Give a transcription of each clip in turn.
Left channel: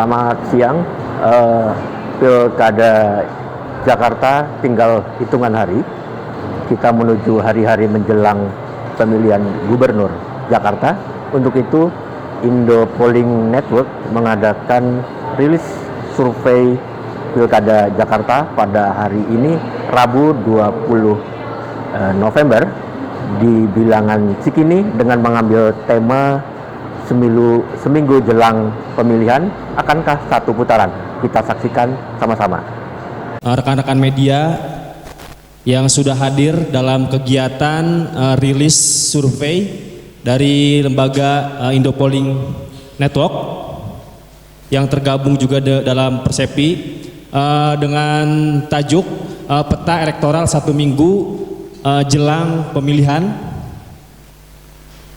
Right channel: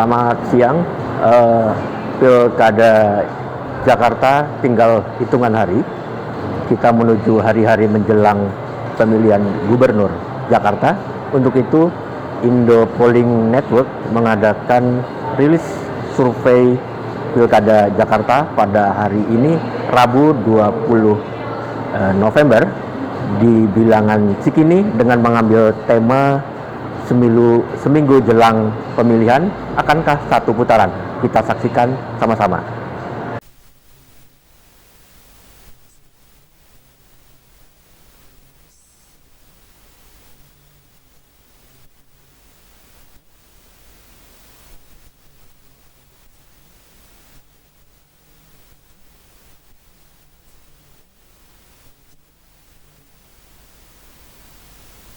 Selamat siang. Pilkada Jakarta tinggal hitungan hari. Kita menuju hari-hari menjelang pemilihan gubernur Jakarta. Untuk itu, Indo Polling Network mengadakan rilis survei Pilkada Jakarta pada hari ini, Rabu 20 November, di bilangan Cikini dengan mengambil tema seminggu jelang pemilihan, akankah satu putaran? Kita saksikan sama-sama. Rekan-rekan media yang sudah hadir dalam kegiatan rilis survei dari lembaga Indo Polling Network yang tergabung juga dalam Persepi dengan tajuk peta elektoral satu minggu jelang pemilihan,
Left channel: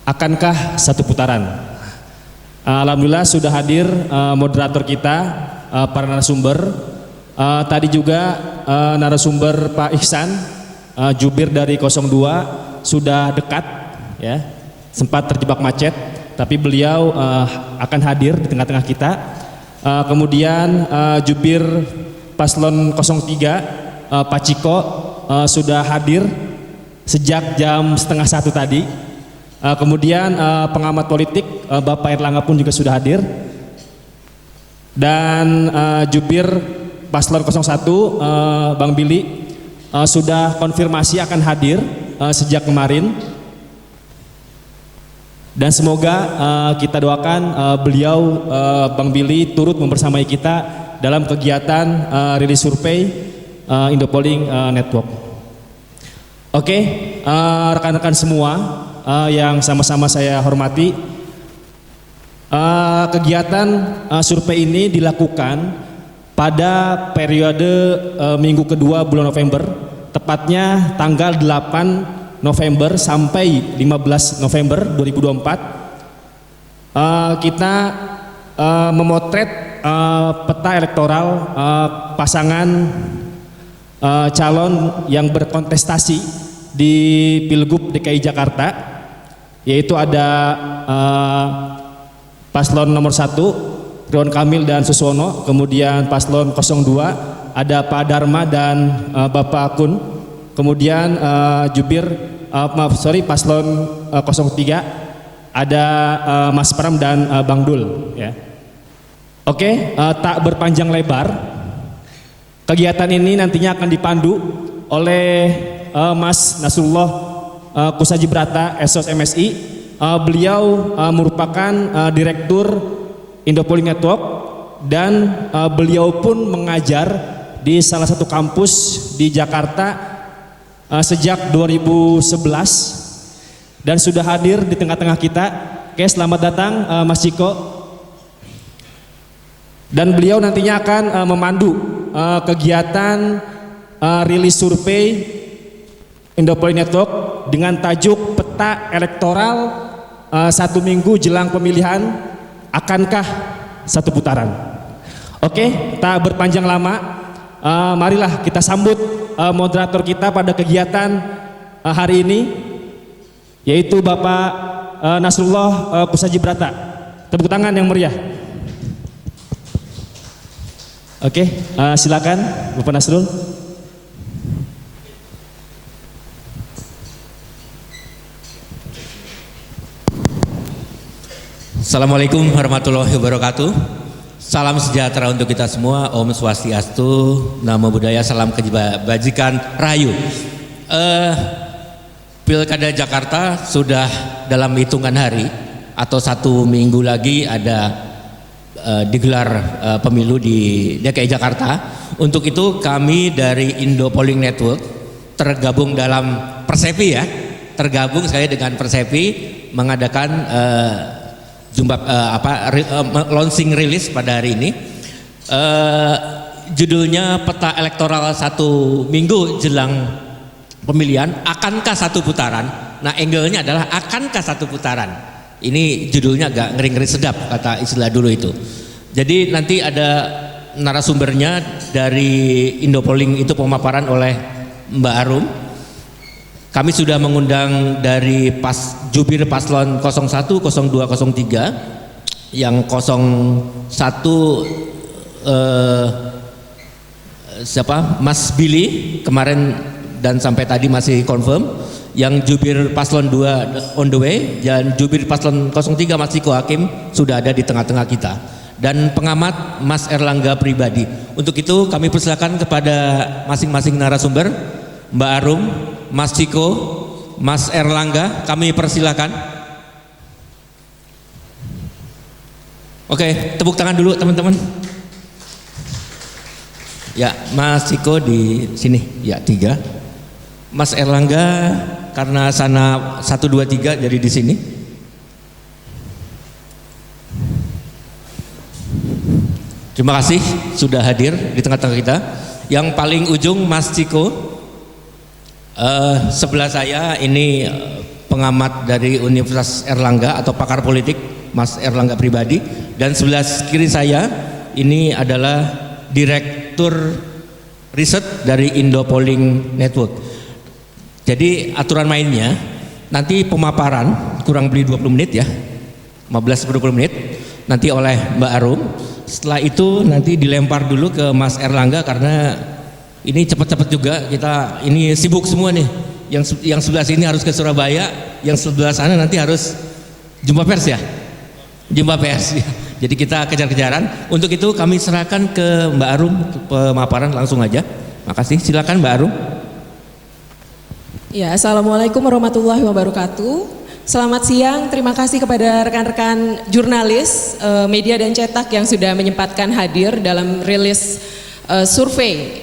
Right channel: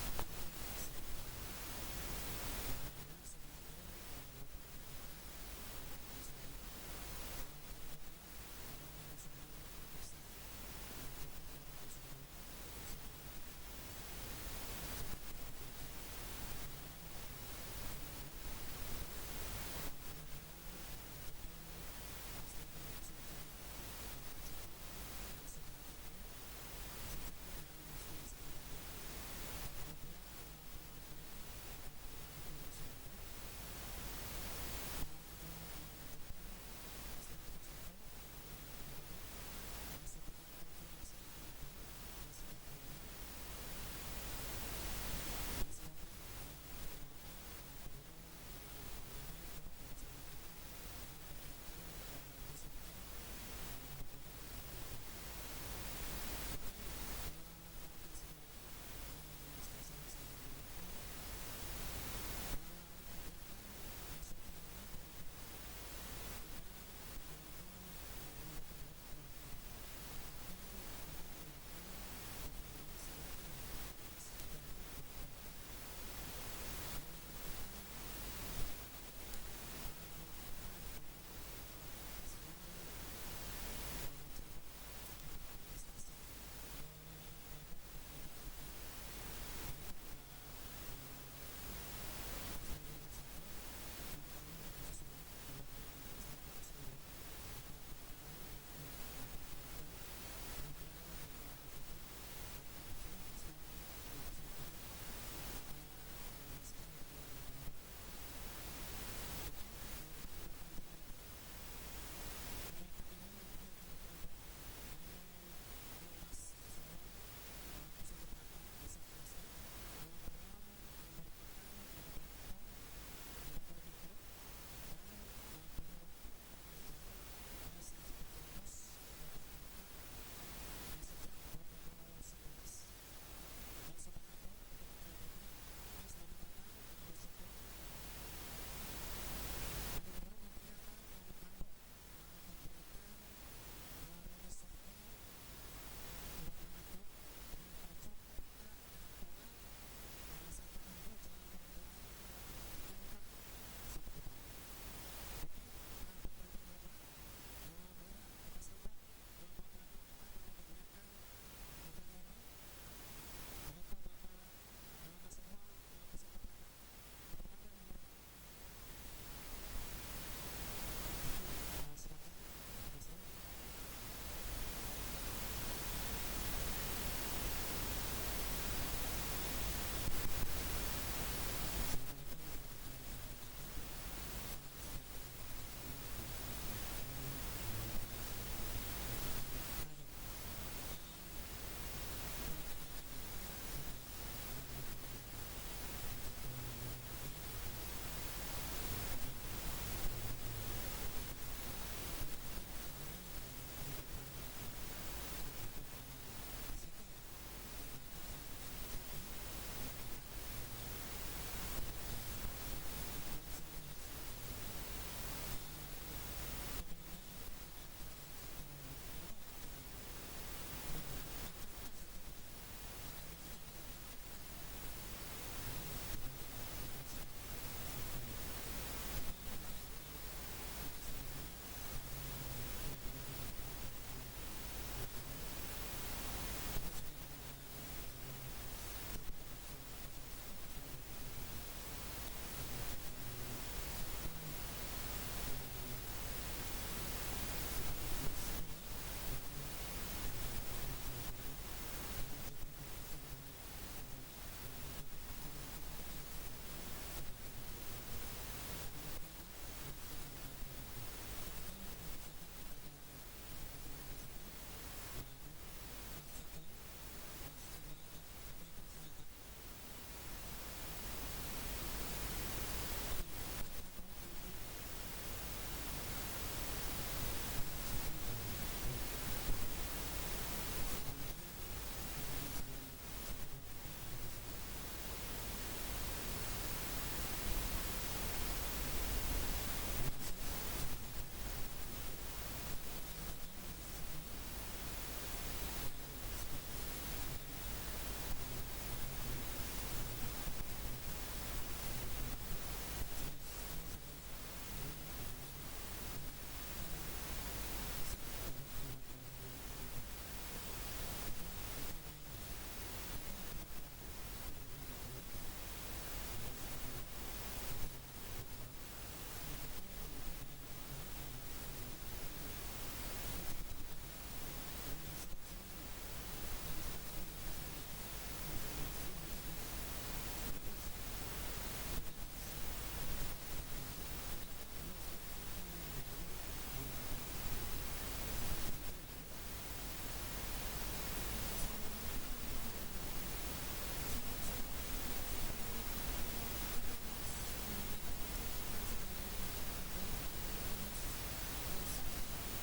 akankah satu putaran? Alhamdulillah sudah hadir moderator kita, para narasumber. Tadi juga narasumber Pak Ihsan, jubir dari 02, sudah dekat, ya, sempat terjebak macet, tapi beliau akan hadir di tengah-tengah kita. Kemudian jubir Paslon 03, Pak Ciko, sudah hadir sejak jam setengah 1 tadi. Kemudian pengamat politik Bapak Erlangga pun juga sudah hadir, dan jubir Paslon 01 Bang Billy sudah konfirmasi akan hadir sejak kemarin, dan semoga kita doakan beliau, Bang Billy, turut membersamai kita dalam kegiatan rilis survei Indo Polling Network. Oke, rekan-rekan semua yang sama-sama saya hormati, kegiatan survei ini dilakukan pada periode minggu kedua bulan November, tepatnya tanggal 8 November sampai 15 November 2024. Kita memotret peta elektoral pasangan calon yang berkontestasi di Pilgub DKI Jakarta, yaitu ada Paslon nomor 1 Ridwan Kamil dan Suswono, kemudian Paslon 02 ada Pak Dharma dan Bapak Kun, kemudian Paslon 03 ada Mas Pram dan Bang Dul, ya. Oke, tak berpanjang lebar, kegiatan ini nantinya akan dipandu oleh Mas Nasrullah Kusajibrata, SOS MSI. Beliau merupakan Direktur Indo Polling Network, dan beliau pun mengajar di salah satu kampus di Jakarta sejak 2011 dan sudah hadir di tengah-tengah kita. Oke, selamat datang Mas Ciko. Dan beliau nantinya akan memandu kegiatan rilis survei Indo Polling Network dengan tajuk peta elektoral satu minggu jelang pemilihan, akankah satu putaran? Oke, tak berpanjang lama, marilah kita sambut moderator kita pada kegiatan hari ini, yaitu Bapak Nasrullah Kusajibrata. Tepuk tangan yang meriah. Oke, silakan Bapak Nasrul. Assalamualaikum warahmatullahi wabarakatuh. Salam sejahtera untuk kita semua. Om Swastiastu, Namo Buddhaya, salam kebajikan rahayu. Pilkada Jakarta sudah dalam hitungan hari atau satu minggu lagi ada digelar pemilu di DKI Jakarta. Untuk itu kami dari Indo Polling Network tergabung dalam Persepi, ya. Tergabung saya dengan Persepi mengadakan launching rilis pada hari ini. Judulnya peta elektoral satu minggu jelang pemilihan, akankah satu putaran? Nah, angle-nya adalah akankah satu putaran. Ini judulnya agak ngeri-ngeri sedap, kata istilah dulu itu. Jadi nanti ada narasumbernya dari Indo Polling, itu pemaparan oleh Mbak Arum. Kami sudah mengundang dari jubir Paslon 01, 02, 03 yang 01 siapa Mas Billy kemarin dan sampai tadi masih confirm, yang jubir paslon 2 on the way, dan jubir paslon 03 Mas Ciko Hakim sudah ada di tengah-tengah kita, dan pengamat Mas Erlangga pribadi. Untuk itu kami persilakan kepada masing-masing narasumber, Mbak Arum, Mas Ciko, Mas Erlangga, kami persilakan. Oke, tepuk tangan dulu teman-teman. Ya, Mas Ciko di sini, ya 3. Mas Erlangga karena sana 1, 2, 3 jadi di sini. Terima kasih sudah hadir di tengah-tengah kita. Yang paling ujung Mas Ciko, sebelah saya ini pengamat dari Universitas Erlangga atau pakar politik Mas Erlangga pribadi, dan sebelah kiri saya ini adalah Direktur Riset dari Indo Polling Network. Jadi aturan mainnya nanti pemaparan kurang lebih 20 menit ya, 15-20 menit nanti oleh Mbak Arum. Setelah itu nanti dilempar dulu ke Mas Erlangga karena ini cepat-cepat juga, kita ini sibuk semua nih. Yang sebelah sini harus ke Surabaya, yang sebelah sana nanti harus jumpa pers ya. Jumpa pers ya. Jadi kita kejar-kejaran. Untuk itu kami serahkan ke Mbak Arum pemaparan langsung aja. Makasih. Silakan Mbak Arum. Ya, Assalamualaikum warahmatullahi wabarakatuh. Selamat siang. Terima kasih kepada rekan-rekan jurnalis, media dan cetak yang sudah menyempatkan hadir dalam rilis survei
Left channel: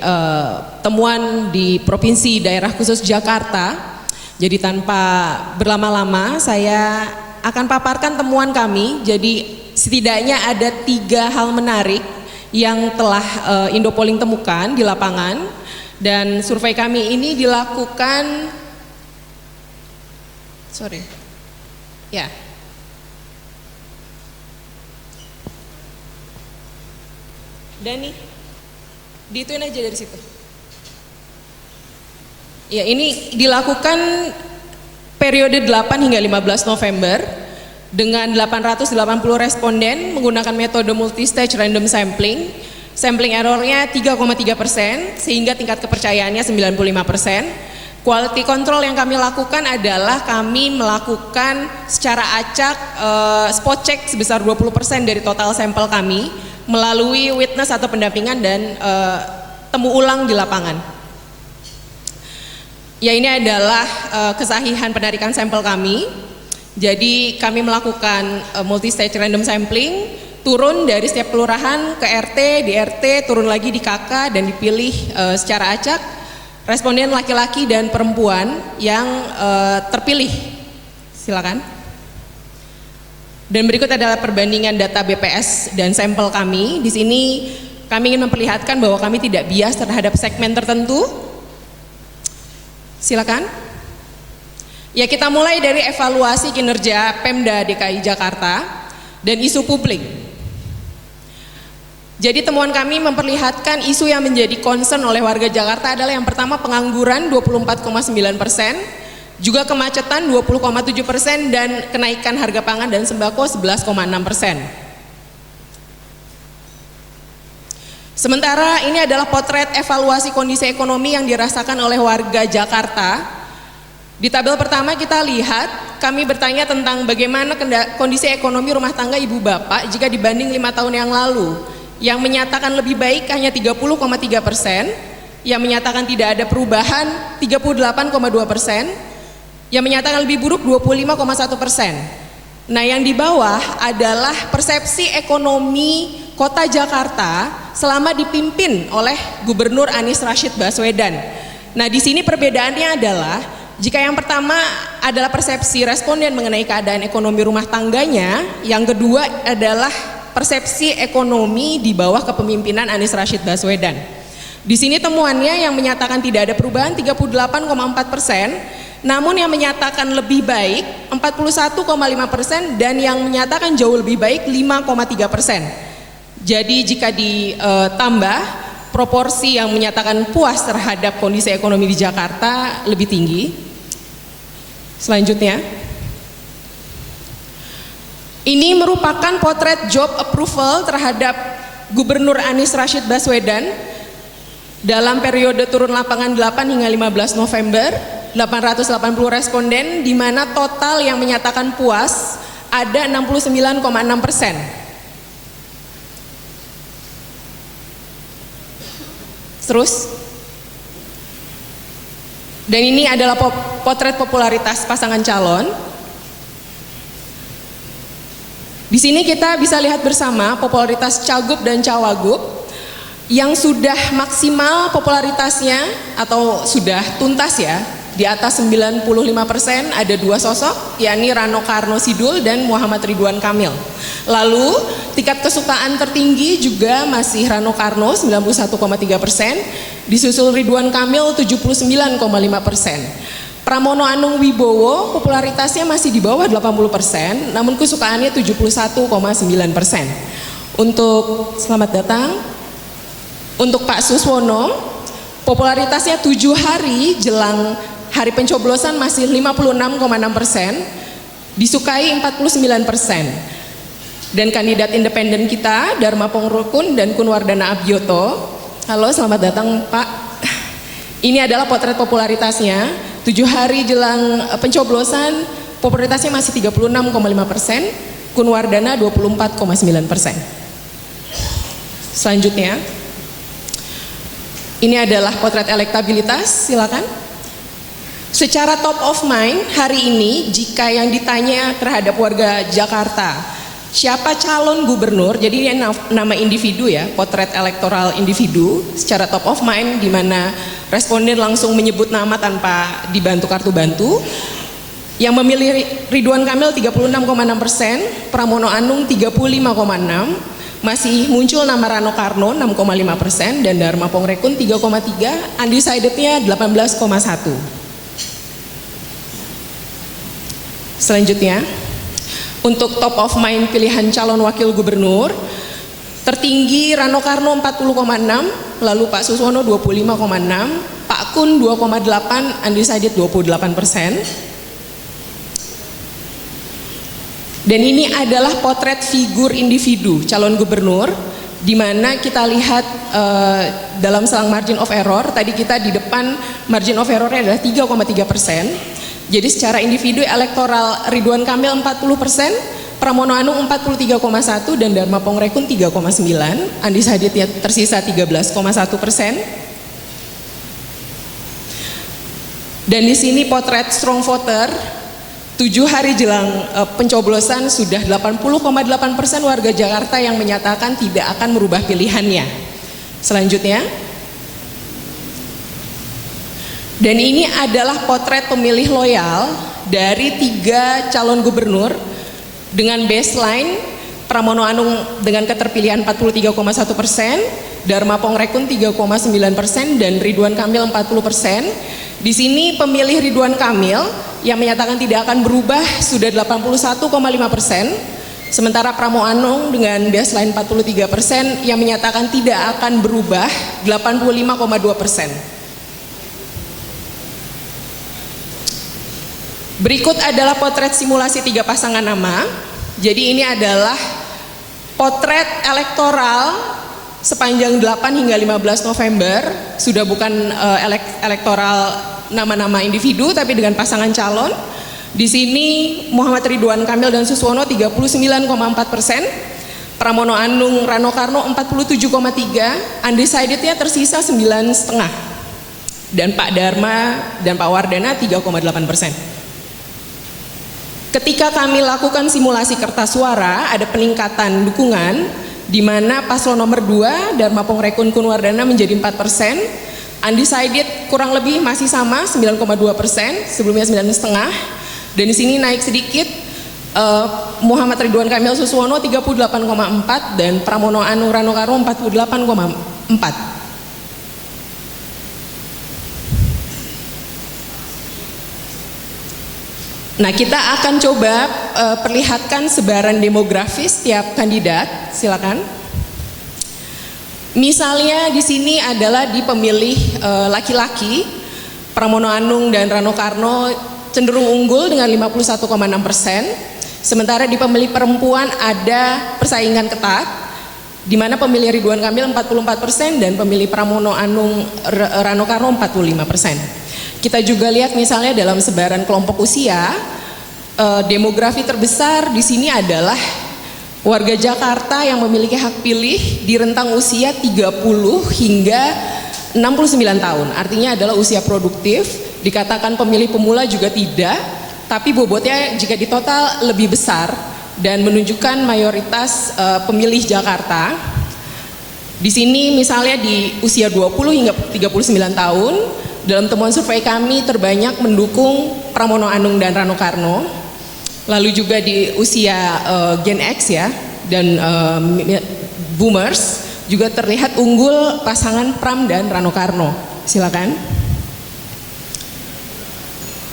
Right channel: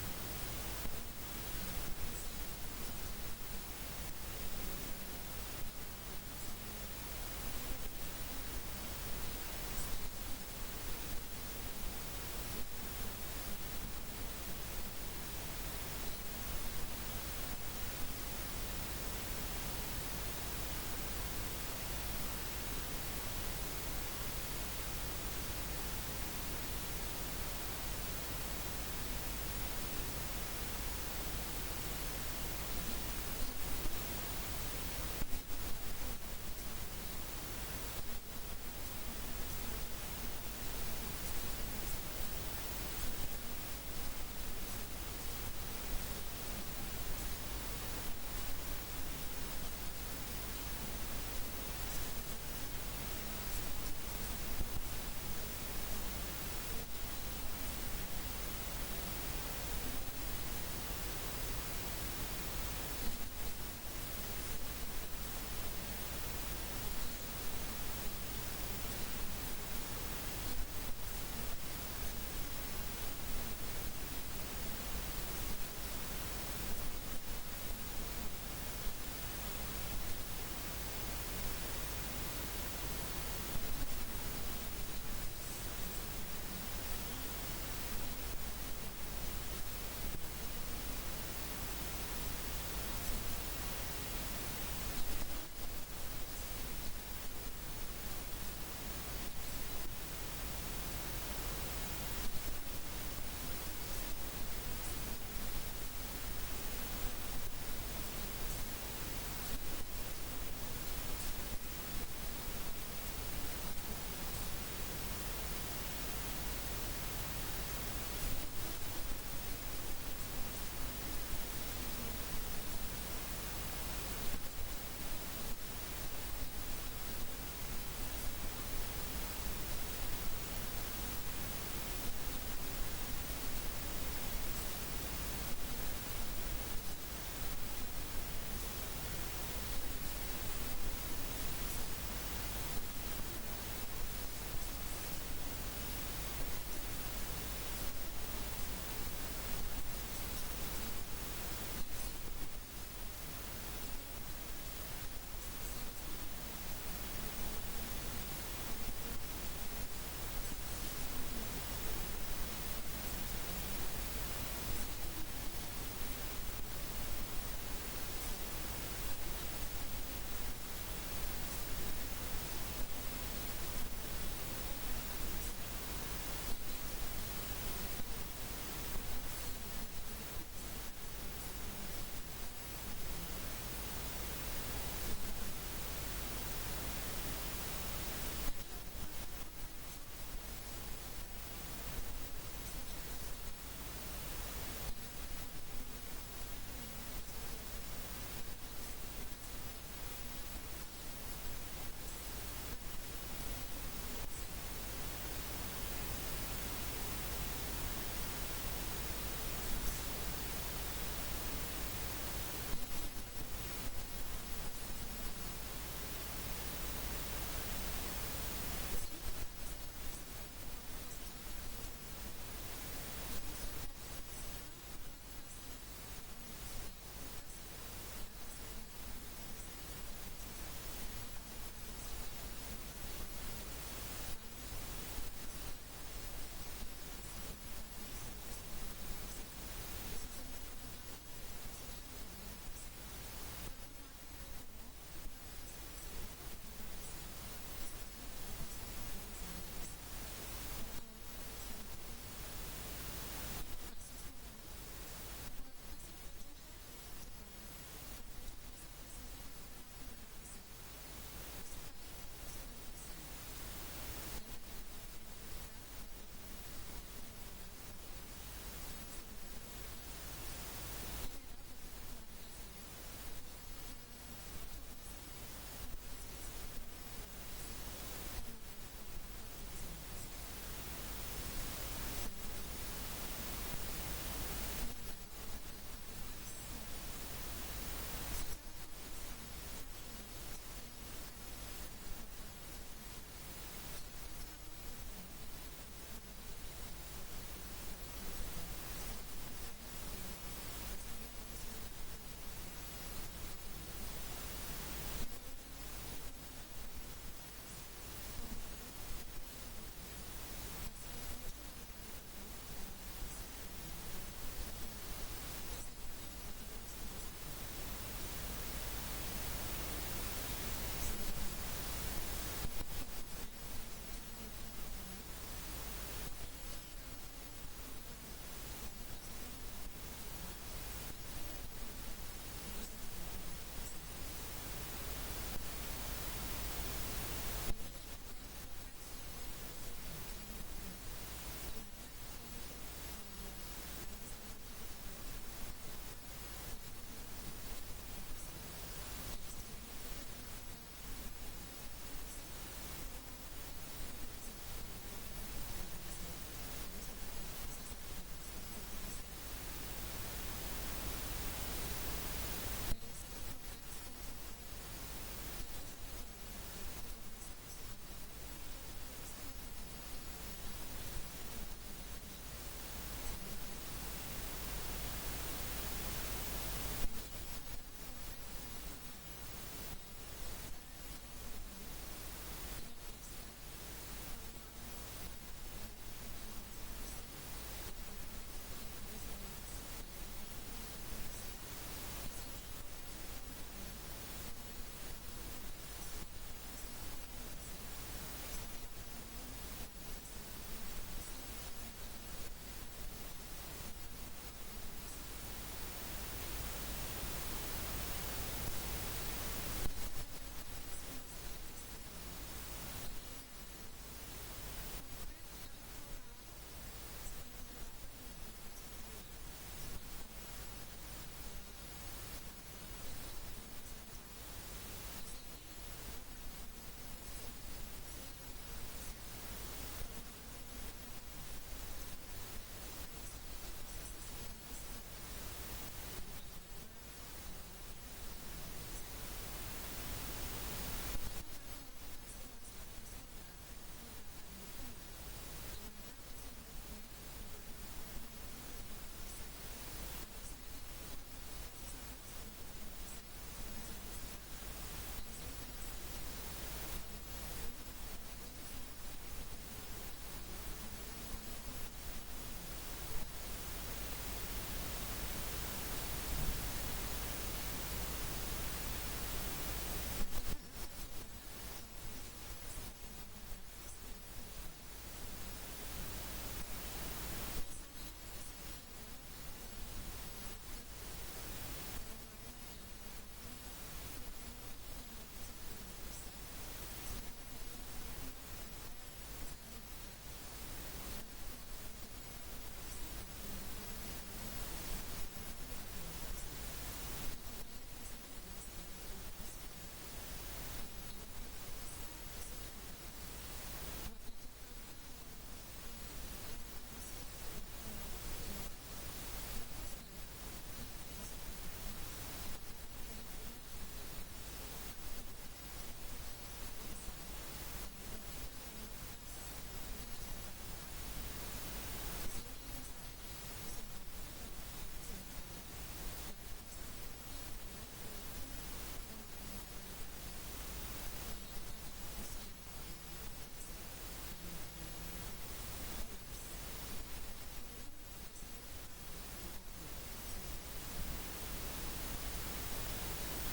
temuan di Provinsi Daerah Khusus Jakarta. Jadi tanpa berlama-lama saya akan paparkan temuan kami. Jadi setidaknya ada 3 hal menarik yang telah Indo Polling temukan di lapangan, dan survei kami ini dilakukan ya Dani diituin aja dari situ. Ya, ini dilakukan periode 8 hingga 15 November dengan 880 responden menggunakan metode multi-stage random sampling. Sampling errornya 3,3%, sehingga tingkat kepercayaannya 95%. Quality control yang kami lakukan adalah kami melakukan secara acak spot check sebesar 20% dari total sampel kami melalui witness atau pendampingan dan temu ulang di lapangan. Ya, ini adalah kesahihan penarikan sampel kami. Jadi kami melakukan multi-stage random sampling, turun dari setiap kelurahan ke RT, di RT, turun lagi di KK, dan dipilih secara acak responden laki-laki dan perempuan yang terpilih. Silakan. Dan berikut adalah perbandingan data BPS dan sampel kami. Di sini kami ingin memperlihatkan bahwa kami tidak bias terhadap segmen tertentu. Silakan. Ya, kita mulai dari evaluasi kinerja Pemda DKI Jakarta dan isu publik. Jadi temuan kami memperlihatkan isu yang menjadi concern oleh warga Jakarta adalah yang pertama pengangguran 24,9%, juga kemacetan 20,7%, dan kenaikan harga pangan dan sembako 11,6%. Sementara ini adalah potret evaluasi kondisi ekonomi yang dirasakan oleh warga Jakarta. Di tabel pertama kita lihat, kami bertanya tentang bagaimana kondisi ekonomi rumah tangga ibu bapak jika dibanding 5 tahun yang lalu. Yang menyatakan lebih baik hanya 30,3%, yang menyatakan tidak ada perubahan 38,2%, yang menyatakan lebih buruk 25,1%. Nah, yang di bawah adalah persepsi ekonomi Kota Jakarta selama dipimpin oleh Gubernur Anies Rashid Baswedan. Nah, di sini perbedaannya adalah jika yang pertama adalah persepsi responden mengenai keadaan ekonomi rumah tangganya, yang kedua adalah persepsi ekonomi di bawah kepemimpinan Anies Rashid Baswedan. Di sini temuannya yang menyatakan tidak ada perubahan 38,4%, namun yang menyatakan lebih baik 41,5%, dan yang menyatakan jauh lebih baik 5,3%. Jadi jika ditambah, proporsi yang menyatakan puas terhadap kondisi ekonomi di Jakarta lebih tinggi. Selanjutnya, Ini merupakan potret job approval terhadap Gubernur Anies Rashid Baswedan dalam periode turun lapangan 8 hingga 15 November, 880 responden, di mana total yang menyatakan puas ada 69,6%. Terus, dan ini adalah potret popularitas pasangan calon. Di sini kita bisa lihat bersama popularitas cagup dan cawagup yang sudah maksimal popularitasnya atau sudah tuntas ya, di atas 95%, ada dua sosok, yakni Rano Karno Sidul dan Muhammad Ridwan Kamil. Lalu tingkat kesukaan tertinggi juga masih Rano Karno 91,3%, disusul Ridwan Kamil 79,5%. Pramono Anung Wibowo popularitasnya masih di bawah 80%, namun kesukaannya 71,9%. Untuk selamat datang. Untuk Pak Suswono, popularitasnya 7 hari jelang hari pencoblosan masih 56,6%, disukai 49%. Dan kandidat independen kita, Dharma Pongrokun dan Kunwardana Abioto. Halo, selamat datang Pak. Ini adalah potret popularitasnya. 7 hari jelang pencoblosan, popularitasnya masih 36,5%, Kunwardana 24,9%. Selanjutnya, ini adalah potret elektabilitas, silakan. Secara top of mind hari ini, jika yang ditanya terhadap warga Jakarta, siapa calon gubernur, jadi ini nama individu ya, potret elektoral individu, secara top of mind, di mana responden langsung menyebut nama tanpa dibantu kartu bantu. Yang memilih Ridwan Kamil 36,6%, Pramono Anung 35,6%, masih muncul nama Rano Karno 6,5% dan Dharma Pongrekun 3,3%, undecidednya 18,1%. Selanjutnya, untuk top of mind pilihan calon wakil gubernur, tertinggi Rano Karno 40,6%, lalu Pak Suswono 25,6%, Pak Kun 2,8%, undecided 28%. Dan ini adalah potret figur individu calon gubernur, di mana kita lihat dalam selang margin of error, tadi kita di depan margin of errornya adalah 3,3%. Jadi secara individu elektoral Ridwan Kamil 40%, Pramono Anung 43,1% dan Dharma Pongrekun 3,9%, undecided tersisa 13,1%. Dan di sini potret strong voter, 7 hari jelang pencoblosan sudah 80,8% warga Jakarta yang menyatakan tidak akan merubah pilihannya. Selanjutnya, dan ini adalah potret pemilih loyal dari 3 calon gubernur dengan baseline Pramono Anung dengan keterpilihan 43,1%, Dharma Pongrekun 3,9% dan Ridwan Kamil 40%. Di sini pemilih Ridwan Kamil yang menyatakan tidak akan berubah sudah 81,5%, sementara Pramono Anung dengan baseline 43% yang menyatakan tidak akan berubah 85,2%. Berikut adalah potret simulasi 3 pasangan nama. Jadi ini adalah potret elektoral sepanjang 8 hingga 15 November. Sudah bukan elektoral nama-nama individu tapi dengan pasangan calon. Di sini Muhammad Ridwan Kamil dan Suswono 39,4%, Pramono Anung Rano Karno 47,3%, undecidednya tersisa 9,5%. Dan Pak Dharma dan Pak Wardana 3,8%. Ketika kami lakukan simulasi kertas suara, ada peningkatan dukungan di mana paslon nomor 2 Dharma Pongrekun Kunwardana menjadi 4%, undecided kurang lebih masih sama 9,2%, sebelumnya 9,5%, dan di sini naik sedikit Muhammad Ridwan Kamil Suswono 38,4% dan Pramono Anung Rano Karno 48,4%. Nah, kita akan coba perlihatkan sebaran demografis tiap kandidat, silakan. Misalnya di sini adalah di pemilih laki-laki, Pramono Anung dan Rano Karno cenderung unggul dengan 51,6%. Sementara di pemilih perempuan ada persaingan ketat, di mana pemilih Ridwan Kamil 44% dan pemilih Pramono Anung Rano Karno 45%. Kita juga lihat misalnya dalam sebaran kelompok usia, demografi terbesar di sini adalah warga Jakarta yang memiliki hak pilih di rentang usia 30 hingga 69 tahun. Artinya adalah usia produktif, dikatakan pemilih pemula juga tidak, tapi bobotnya jika ditotal lebih besar dan menunjukkan mayoritas pemilih Jakarta. Di sini misalnya di usia 20 hingga 39 tahun, dalam temuan survei kami terbanyak mendukung Pramono Anung dan Rano Karno. Lalu juga di usia Gen X ya dan Boomers juga terlihat unggul pasangan Pram dan Rano Karno. Silakan.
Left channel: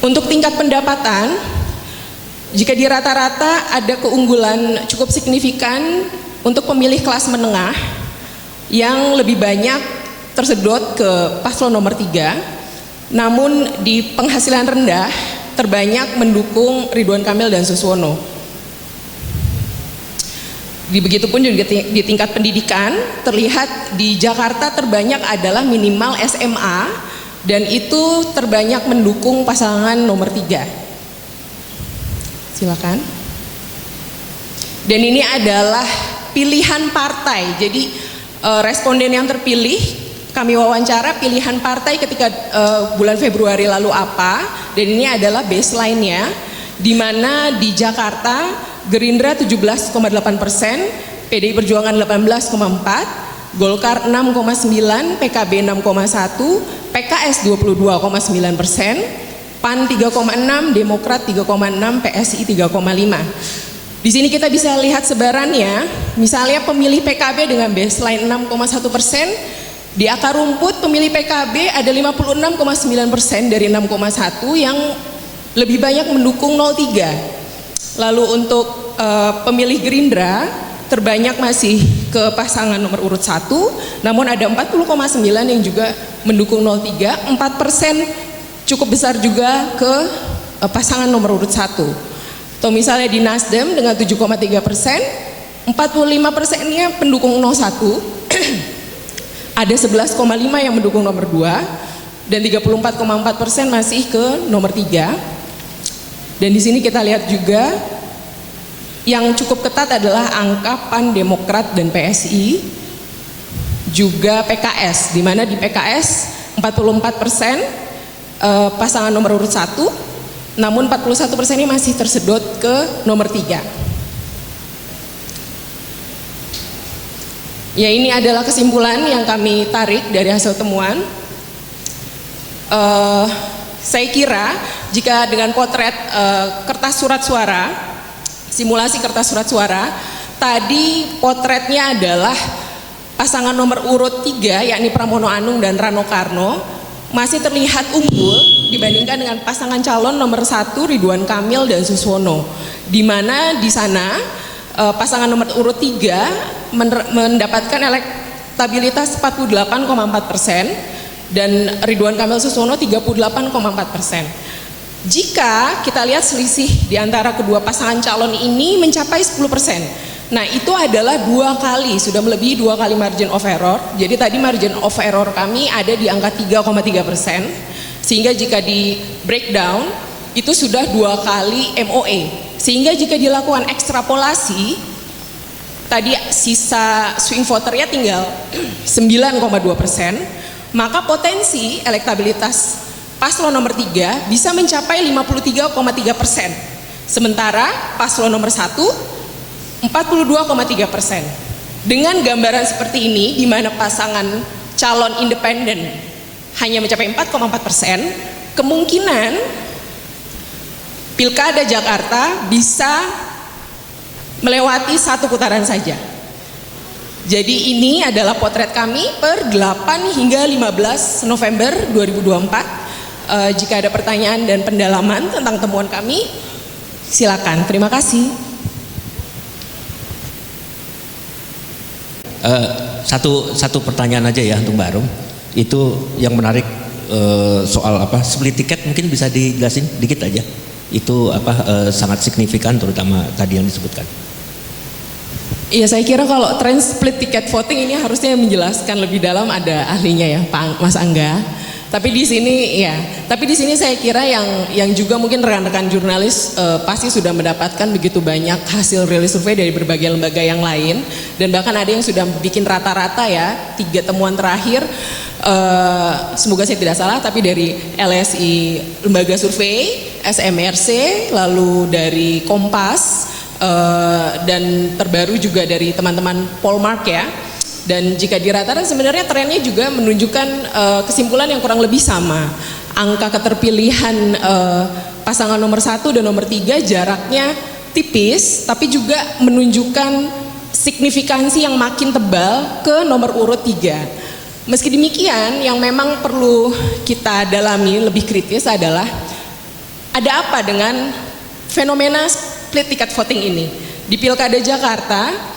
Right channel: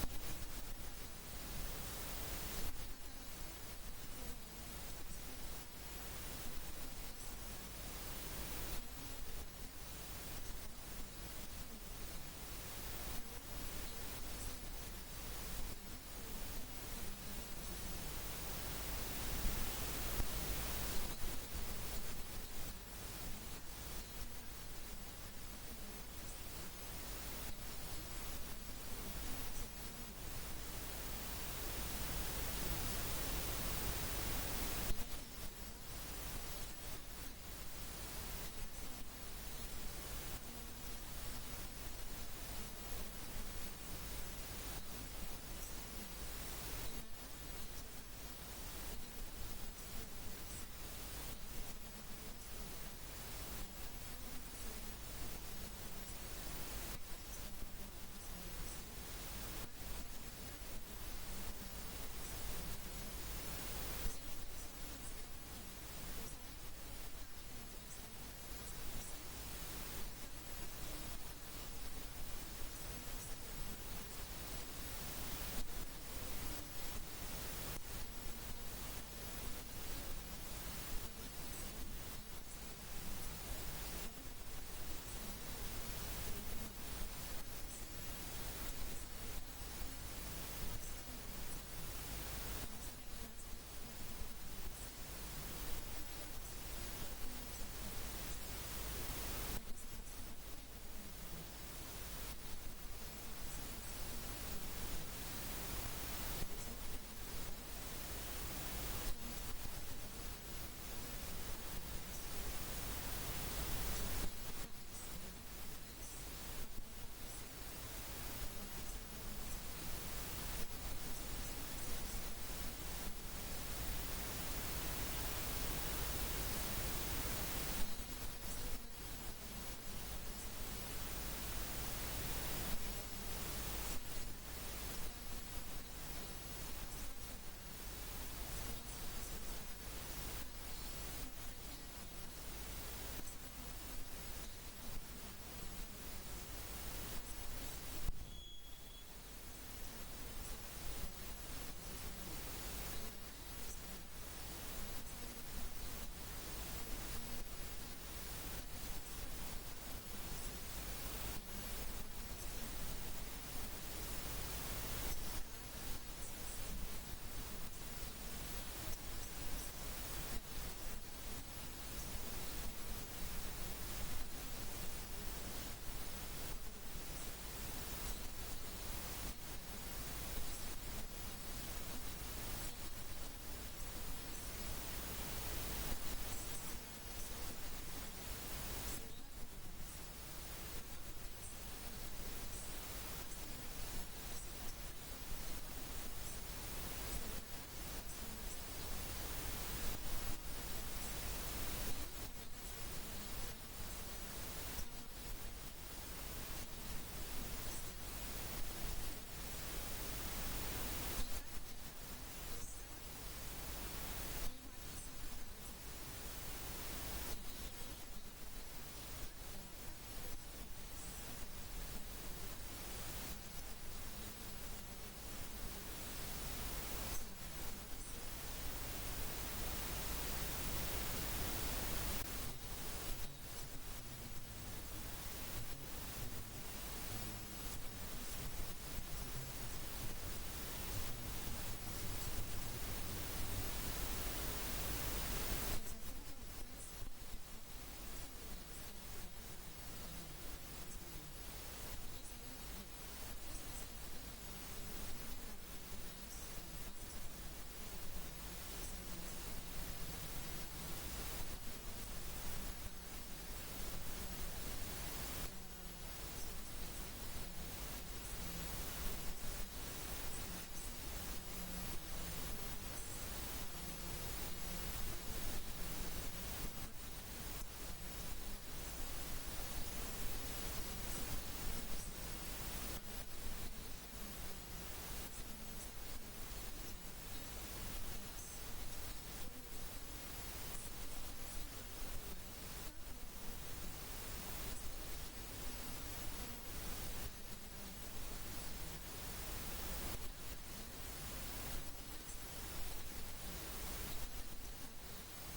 Untuk tingkat pendapatan, jika di rata-rata ada keunggulan cukup signifikan untuk pemilih kelas menengah yang lebih banyak tersedot ke paslon nomor 3, namun di penghasilan rendah terbanyak mendukung Ridwan Kamil dan Suswono. Begitupun juga di tingkat pendidikan, terlihat di Jakarta terbanyak adalah minimal SMA dan itu terbanyak mendukung pasangan nomor 3. Silakan. Dan ini adalah pilihan partai. Jadi responden yang terpilih kami wawancara pilihan partai ketika bulan Februari lalu apa, dan ini adalah baseline-nya, di mana di Jakarta Gerindra 17,8%, PDI Perjuangan 18,4%, Golkar 6,9%, PKB 6,1%, PKS 22,9%, PAN 3,6%, Demokrat 3,6%, PSI 3,5%. Di sini kita bisa lihat sebarannya, misalnya pemilih PKB dengan baseline 6,1%, di akar rumput pemilih PKB ada 56,9% dari 6,1 yang lebih banyak mendukung 03. Lalu untuk pemilih Gerindra terbanyak masih ke pasangan nomor urut 1, namun ada 40,9 yang juga mendukung 03, 4% cukup besar juga ke pasangan nomor urut 1. Atau misalnya di Nasdem dengan 7,3%, 45%-nya pendukung 01. Ada 11,5 yang mendukung nomor 2 dan 34,4% masih ke nomor 3. Dan di sini kita lihat juga yang cukup ketat adalah angka PAN, Demokrat dan PSI, juga PKS, di mana di PKS 44% pasangan nomor urut 1, namun 41% ini masih tersedot ke nomor 3. Ya, ini adalah kesimpulan yang kami tarik dari hasil temuan. Saya kira jika dengan potret kertas surat suara, simulasi kertas surat suara, tadi potretnya adalah pasangan nomor urut 3 yakni Pramono Anung dan Rano Karno masih terlihat unggul dibandingkan dengan pasangan calon nomor 1 Ridwan Kamil dan Suswono, di mana di sana pasangan nomor urut 3 mendapatkan elektabilitas 48,4% dan Ridwan Kamil Suswono 38,4%. Jika kita lihat selisih di antara kedua pasangan calon ini mencapai 10%. Nah, itu adalah 2 kali, sudah melebihi 2 kali margin of error. Jadi tadi margin of error kami ada di angka 3,3%. Sehingga jika di breakdown itu sudah 2 kali MOE. Sehingga jika dilakukan ekstrapolasi, tadi sisa swing voternya tinggal 9,2%, maka potensi elektabilitas paslon nomor 3 bisa mencapai 53,3%. Sementara paslon nomor 1 42,3%. Dengan gambaran seperti ini, di mana pasangan calon independen hanya mencapai 4,4%, kemungkinan Pilkada Jakarta bisa melewati 1 putaran saja. Jadi ini adalah potret kami per 8 hingga 15 November 2024. Jika ada pertanyaan dan pendalaman tentang temuan kami, silakan. Terima kasih. Satu pertanyaan aja ya untuk Mbak Arum. Itu yang menarik soal split tiket, mungkin bisa dijelasin dikit aja. itu sangat signifikan, terutama tadi yang disebutkan. Iya, saya kira kalau tren split ticket voting ini harusnya menjelaskan lebih dalam, ada ahlinya ya, Pak Mas Angga. Tapi di sini saya kira yang juga mungkin rekan-rekan jurnalis pasti sudah mendapatkan begitu banyak hasil rilis survei dari berbagai lembaga yang lain, dan bahkan ada yang sudah bikin rata-rata ya, 3 temuan terakhir, semoga saya tidak salah, tapi dari LSI lembaga survei, SMRC, lalu dari Kompas, dan terbaru juga dari teman-teman Polmark ya. Dan jika diratakan sebenarnya trennya juga menunjukkan kesimpulan yang kurang lebih sama. Angka keterpilihan pasangan nomor 1 dan nomor 3 jaraknya tipis, tapi juga menunjukkan signifikansi yang makin tebal ke nomor urut 3. Meski demikian, yang memang perlu kita dalami lebih kritis adalah ada apa dengan fenomena split ticket voting ini. Di Pilkada Jakarta,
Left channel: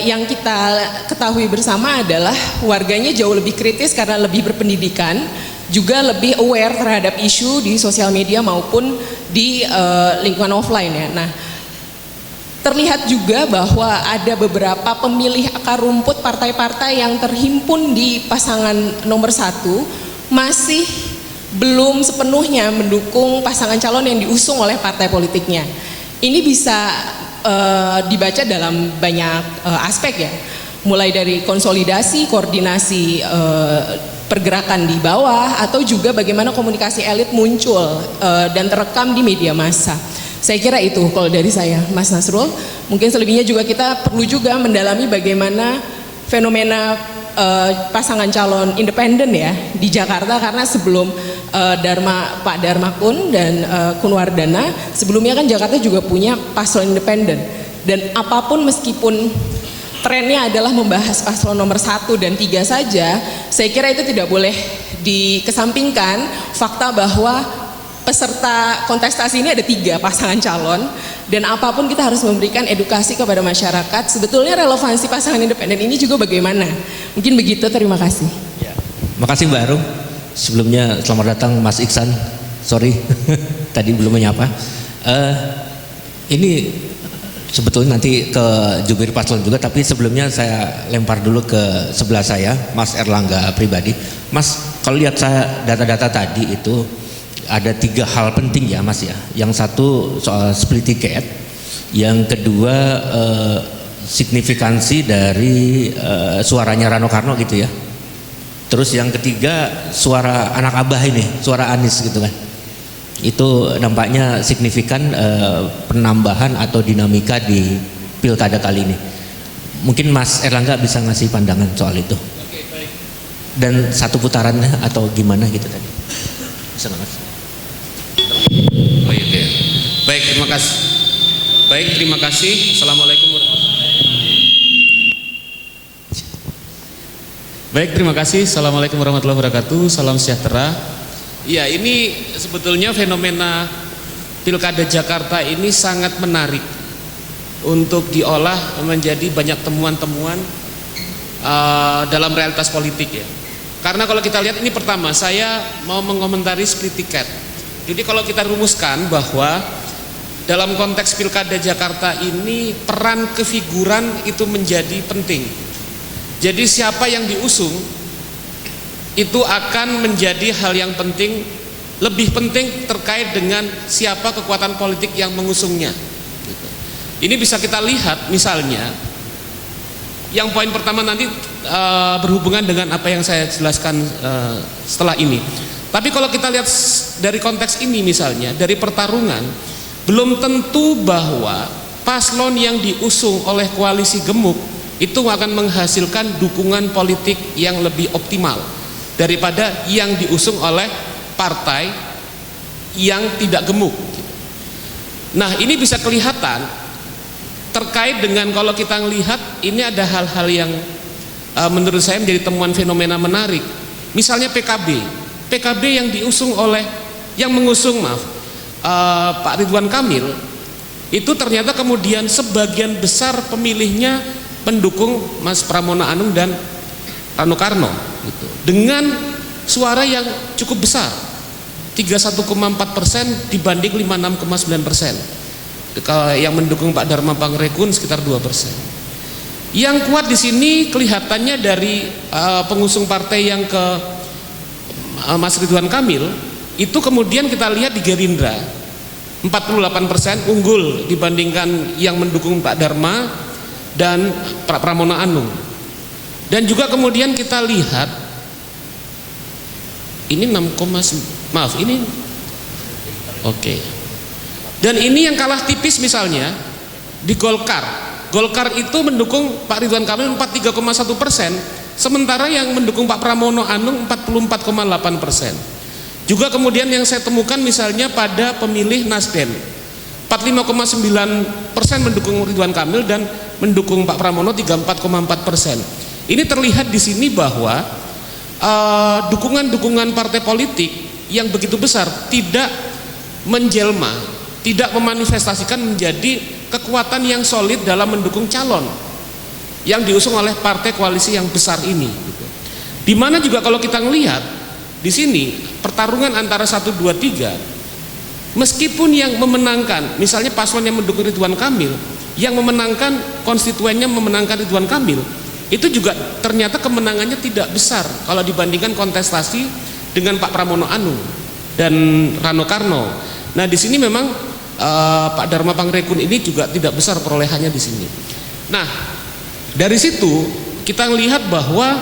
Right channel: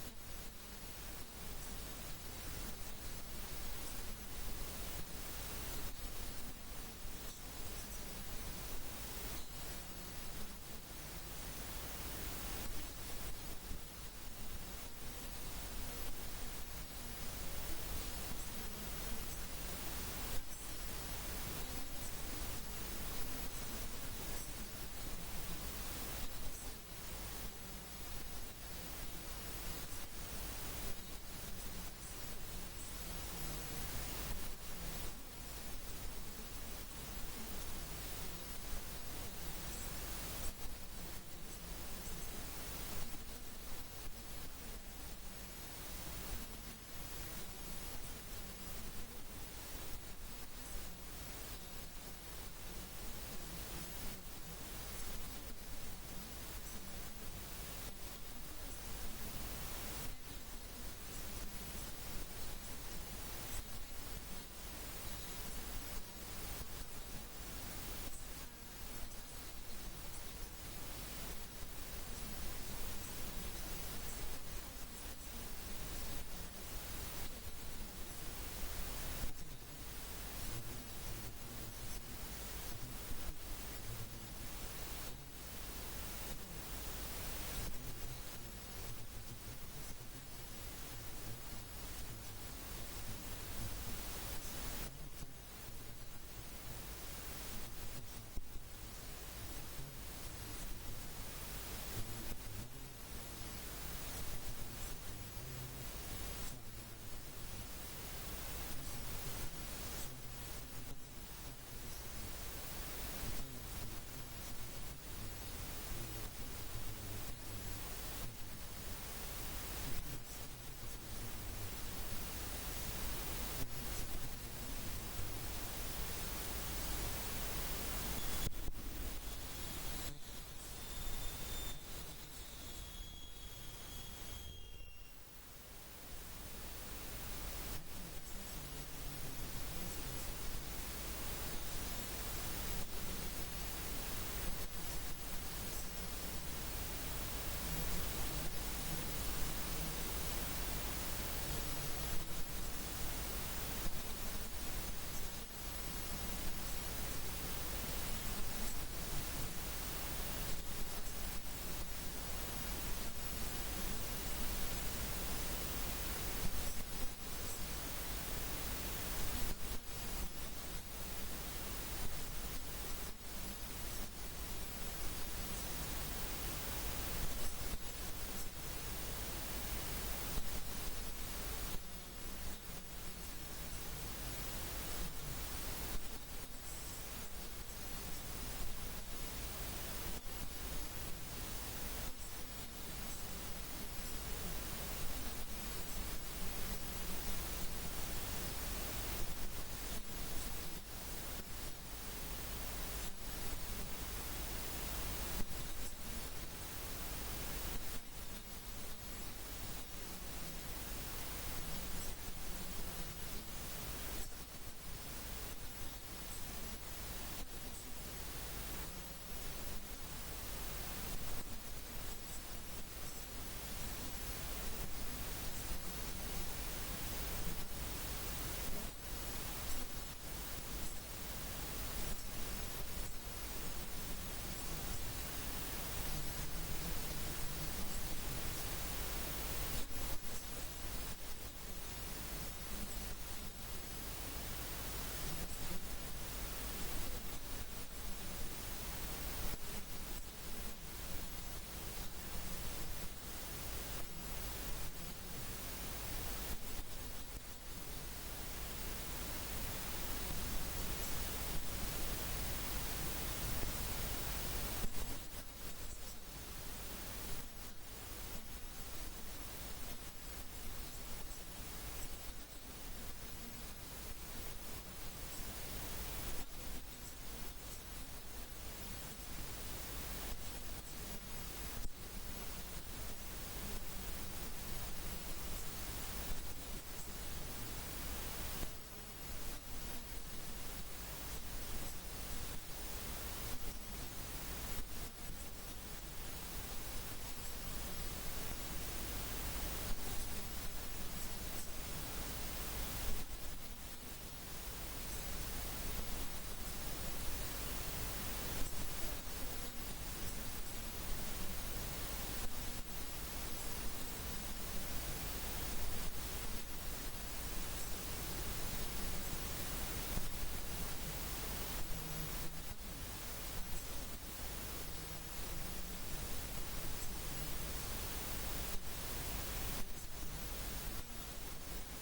yang kita ketahui bersama adalah warganya jauh lebih kritis karena lebih berpendidikan, juga lebih aware terhadap isu di sosial media maupun di lingkungan offline ya. Nah, terlihat juga bahwa ada beberapa pemilih akar rumput partai-partai yang terhimpun di pasangan nomor 1 masih belum sepenuhnya mendukung pasangan calon yang diusung oleh partai politiknya. Ini bisa dibaca dalam banyak aspek ya, mulai dari konsolidasi, koordinasi pergerakan di bawah, atau juga bagaimana komunikasi elit muncul dan terekam di media massa. Saya kira itu kalau dari saya, Mas Nasrul. Mungkin selebihnya juga kita perlu juga mendalami bagaimana fenomena pasangan calon independen ya di Jakarta, karena sebelum Pak Dharma Kun dan Kunwardana, sebelumnya kan Jakarta juga punya paslon independen, dan apapun meskipun trennya adalah membahas paslon nomor 1 dan 3 saja, saya kira itu tidak boleh dikesampingkan fakta bahwa peserta kontestasi ini ada 3 pasangan calon, dan apapun kita harus memberikan edukasi kepada masyarakat. Sebetulnya relevansi pasangan independen ini juga bagaimana? Mungkin begitu, terima kasih. Ya. Makasih Mbak Arum. Sebelumnya selamat datang Mas Iksan. Sorry, tadi belum menyapa. Ini sebetulnya nanti ke jubir paslon juga, tapi sebelumnya saya lempar dulu ke sebelah saya, Mas Erlangga pribadi. Mas, kalau lihat saya data-data tadi itu ada 3 hal penting ya Mas ya. Yang satu soal split ticket, yang kedua signifikansi dari suaranya Rano Karno gitu ya. Terus yang ketiga suara anak Abah ini, suara Anies gitu kan. Itu nampaknya signifikan penambahan atau dinamika di pilkada kali ini. Mungkin Mas Erlangga bisa ngasih pandangan soal itu. Oke, baik. Dan 1 putarannya atau gimana gitu tadi. Bisa nggak Mas? Oh iya, oke. Baik, terima kasih. Baik, terima kasih. Assalamualaikum warahmatullahi wabarakatuh. Baik, terima kasih. Assalamualaikum warahmatullahi wabarakatuh. Salam sejahtera. Ya, ini sebetulnya fenomena Pilkada Jakarta ini sangat menarik untuk diolah menjadi banyak temuan-temuan dalam realitas politik ya. Karena kalau kita lihat ini, pertama saya mau mengomentari split ticket. Jadi kalau kita rumuskan bahwa dalam konteks Pilkada Jakarta ini peran kefiguran itu menjadi penting. Jadi siapa yang diusung itu akan menjadi hal yang penting, lebih penting terkait dengan siapa kekuatan politik yang mengusungnya. Ini bisa kita lihat misalnya, yang poin pertama nanti berhubungan dengan apa yang saya jelaskan setelah ini. Tapi kalau kita lihat dari konteks ini misalnya, dari pertarungan, belum tentu bahwa paslon yang diusung oleh koalisi gemuk itu akan menghasilkan dukungan politik yang lebih optimal daripada yang diusung oleh partai yang tidak gemuk. Nah, ini bisa kelihatan terkait dengan kalau kita melihat ini ada hal-hal yang menurut saya menjadi temuan fenomena menarik. Misalnya PKB yang diusung oleh, yang mengusung Pak Ridwan Kamil, itu ternyata kemudian sebagian besar pemilihnya pendukung Mas Pramona Anung dan Rano Karno gitu, dengan suara yang cukup besar. 31,4% dibanding 56,9%. Kalau yang mendukung Pak Dharma Pangrekun sekitar 2%. Yang kuat di sini kelihatannya dari pengusung partai yang ke Mas Ridwan Kamil, itu kemudian kita lihat di Gerindra 48% unggul dibandingkan yang mendukung Pak Dharma dan Pak Pramono Anung. Dan juga kemudian kita lihat ini 6, maaf ini oke. Dan ini yang kalah tipis misalnya di Golkar. Golkar itu mendukung Pak Ridwan Kamil 43,1%, sementara yang mendukung Pak Pramono Anung 44,8%. Juga kemudian yang saya temukan misalnya pada pemilih Nasdem 45,9% mendukung Ridwan Kamil dan mendukung Pak Pramono 34,4%. Ini terlihat di sini bahwa dukungan-dukungan partai politik yang begitu besar tidak menjelma, tidak memanifestasikan menjadi kekuatan yang solid dalam mendukung calon yang diusung oleh partai koalisi yang besar ini. Di mana juga kalau kita melihat di sini pertarungan antara 1, 2, 3, meskipun yang memenangkan, misalnya paslon yang mendukung Ridwan Kamil, yang memenangkan konstituennya memenangkan Ridwan Kamil, itu juga ternyata kemenangannya tidak besar kalau dibandingkan kontestasi dengan Pak Pramono Anung dan Rano Karno. Nah di sini memang Pak Dharma Pangrekun ini juga tidak besar perolehannya di sini. Nah dari situ kita melihat bahwa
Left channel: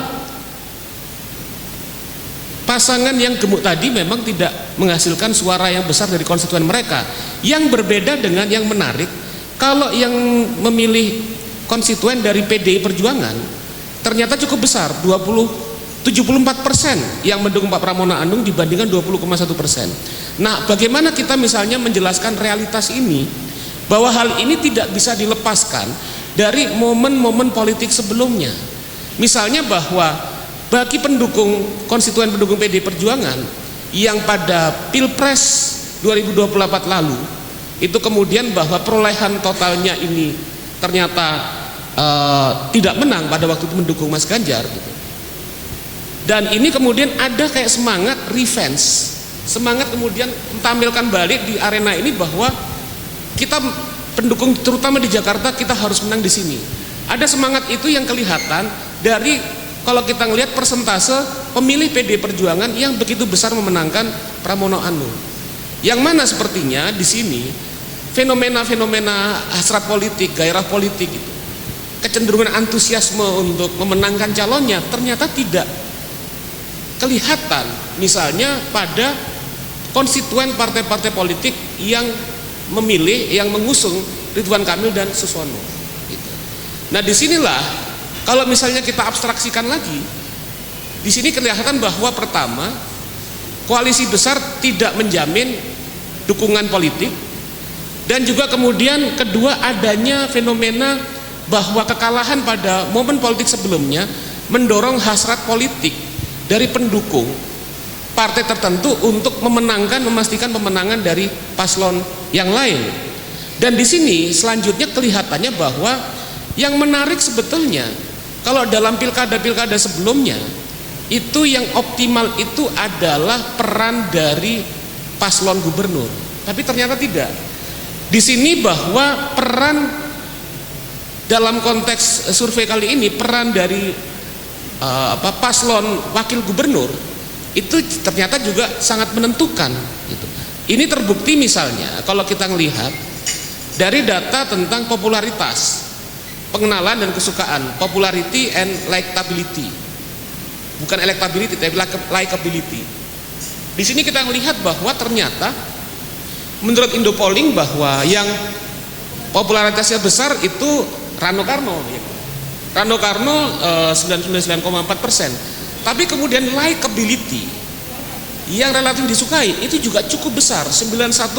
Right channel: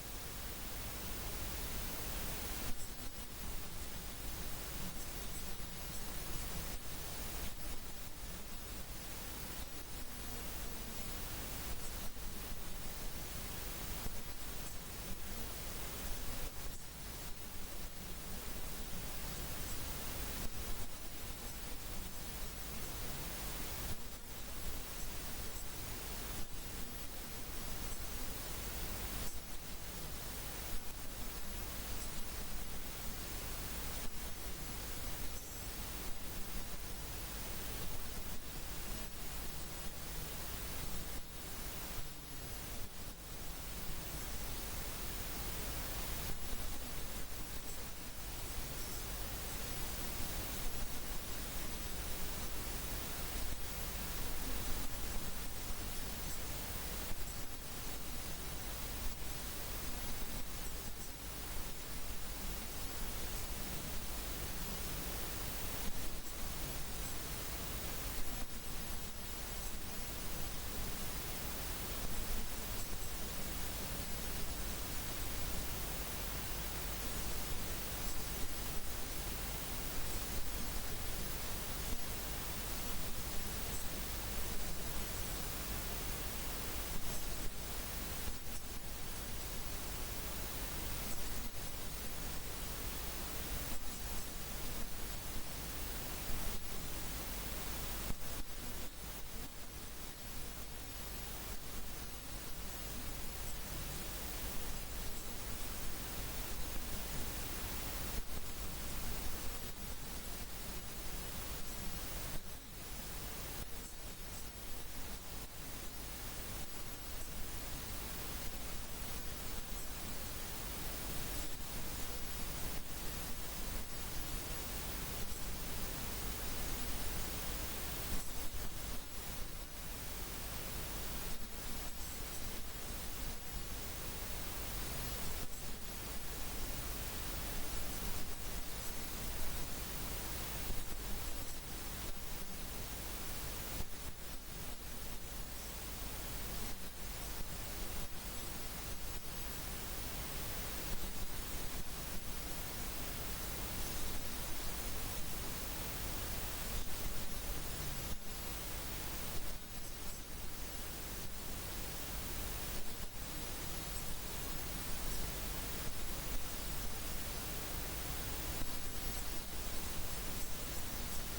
pasangan yang gemuk tadi memang tidak menghasilkan suara yang besar dari konstituen mereka. Yang berbeda dengan yang menarik, kalau yang memilih konstituen dari PDI Perjuangan ternyata cukup besar, 74% yang mendukung Pak Pramono Anung dibandingkan 20,1%. Nah, bagaimana kita misalnya menjelaskan realitas ini, bahwa hal ini tidak bisa dilepaskan dari momen-momen politik sebelumnya. Misalnya bahwa bagi pendukung, konstituen pendukung PDI Perjuangan yang pada Pilpres 2024 lalu, itu kemudian bahwa perolehan totalnya ini ternyata tidak menang pada waktu itu mendukung Mas Ganjar gitu. Dan ini kemudian ada kayak semangat revenge, semangat kemudian tampilkan balik di arena ini bahwa kita pendukung terutama di Jakarta kita harus menang di sini. Ada semangat itu yang kelihatan dari kalau kita ngelihat persentase pemilih PDI Perjuangan yang begitu besar memenangkan Pramono Anung. Yang mana sepertinya di sini fenomena-fenomena hasrat politik, gairah politik itu, kecenderungan antusiasme untuk memenangkan calonnya ternyata tidak kelihatan misalnya pada konstituen partai-partai politik yang memilih, yang mengusung Ridwan Kamil dan Suswono gitu. Nah disinilah kalau misalnya kita abstraksikan lagi, di sini kelihatan bahwa pertama koalisi besar tidak menjamin dukungan politik, dan juga kemudian kedua adanya fenomena bahwa kekalahan pada momen politik sebelumnya mendorong hasrat politik dari pendukung partai tertentu untuk memenangkan, memastikan pemenangan dari paslon yang lain. Dan di sini selanjutnya kelihatannya bahwa yang menarik sebetulnya kalau dalam pilkada-pilkada sebelumnya itu yang optimal itu adalah peran dari paslon gubernur, tapi ternyata tidak. Di sini bahwa peran dalam konteks survei kali ini peran dari paslon wakil gubernur itu ternyata juga sangat menentukan gitu. Ini terbukti misalnya kalau kita melihat dari data tentang popularitas, pengenalan dan kesukaan, popularity and likability, bukan electability tapi likability. Di sini kita melihat bahwa ternyata menurut Indopolling bahwa yang popularitasnya besar itu Rano Karno, Rano Karno 99,4%. Tapi kemudian likability yang relatif disukai itu juga cukup besar, 91,3%.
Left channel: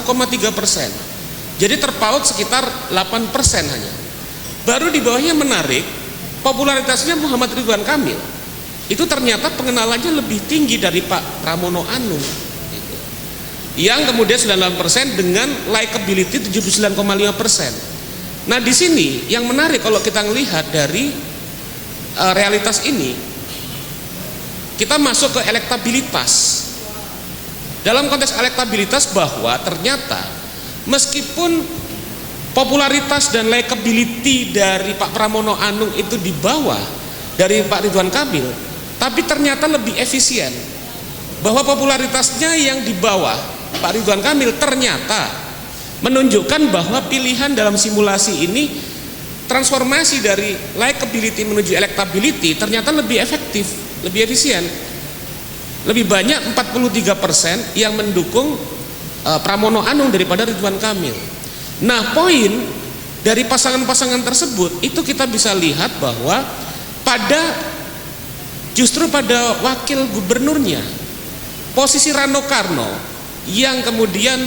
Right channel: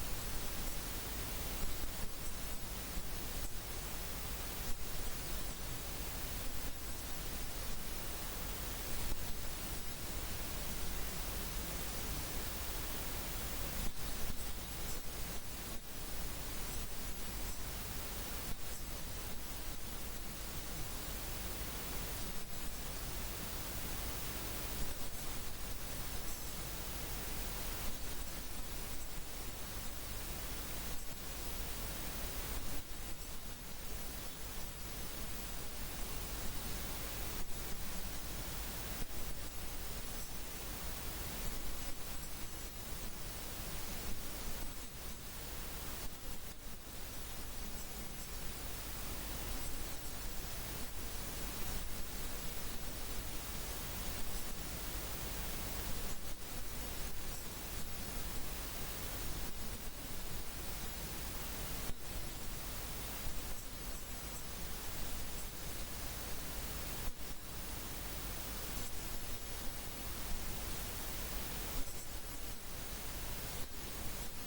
Jadi terpaut sekitar 8% hanya. Baru di bawahnya menarik, popularitasnya Muhammad Ridwan Kamil itu ternyata pengenalannya lebih tinggi dari Pak Pramono Anung yang kemudian 98% dengan likability 79,5%. Nah di sini yang menarik kalau kita melihat dari realitas ini, kita masuk ke elektabilitas. dalam konteks elektabilitas bahwa ternyata meskipun popularitas dan likability dari Pak Pramono Anung itu di bawah dari Pak Ridwan Kamil, tapi ternyata lebih efisien. Bahwa popularitasnya yang di bawah Pak Ridwan Kamil ternyata menunjukkan bahwa pilihan dalam simulasi ini, transformasi dari likability menuju electability ternyata lebih efektif, lebih efisien. Lebih banyak 43% yang mendukung Pramono Anung daripada Ridwan Kamil. Nah, poin dari pasangan-pasangan tersebut itu kita bisa lihat bahwa justru pada wakil gubernurnya, posisi Rano Karno yang kemudian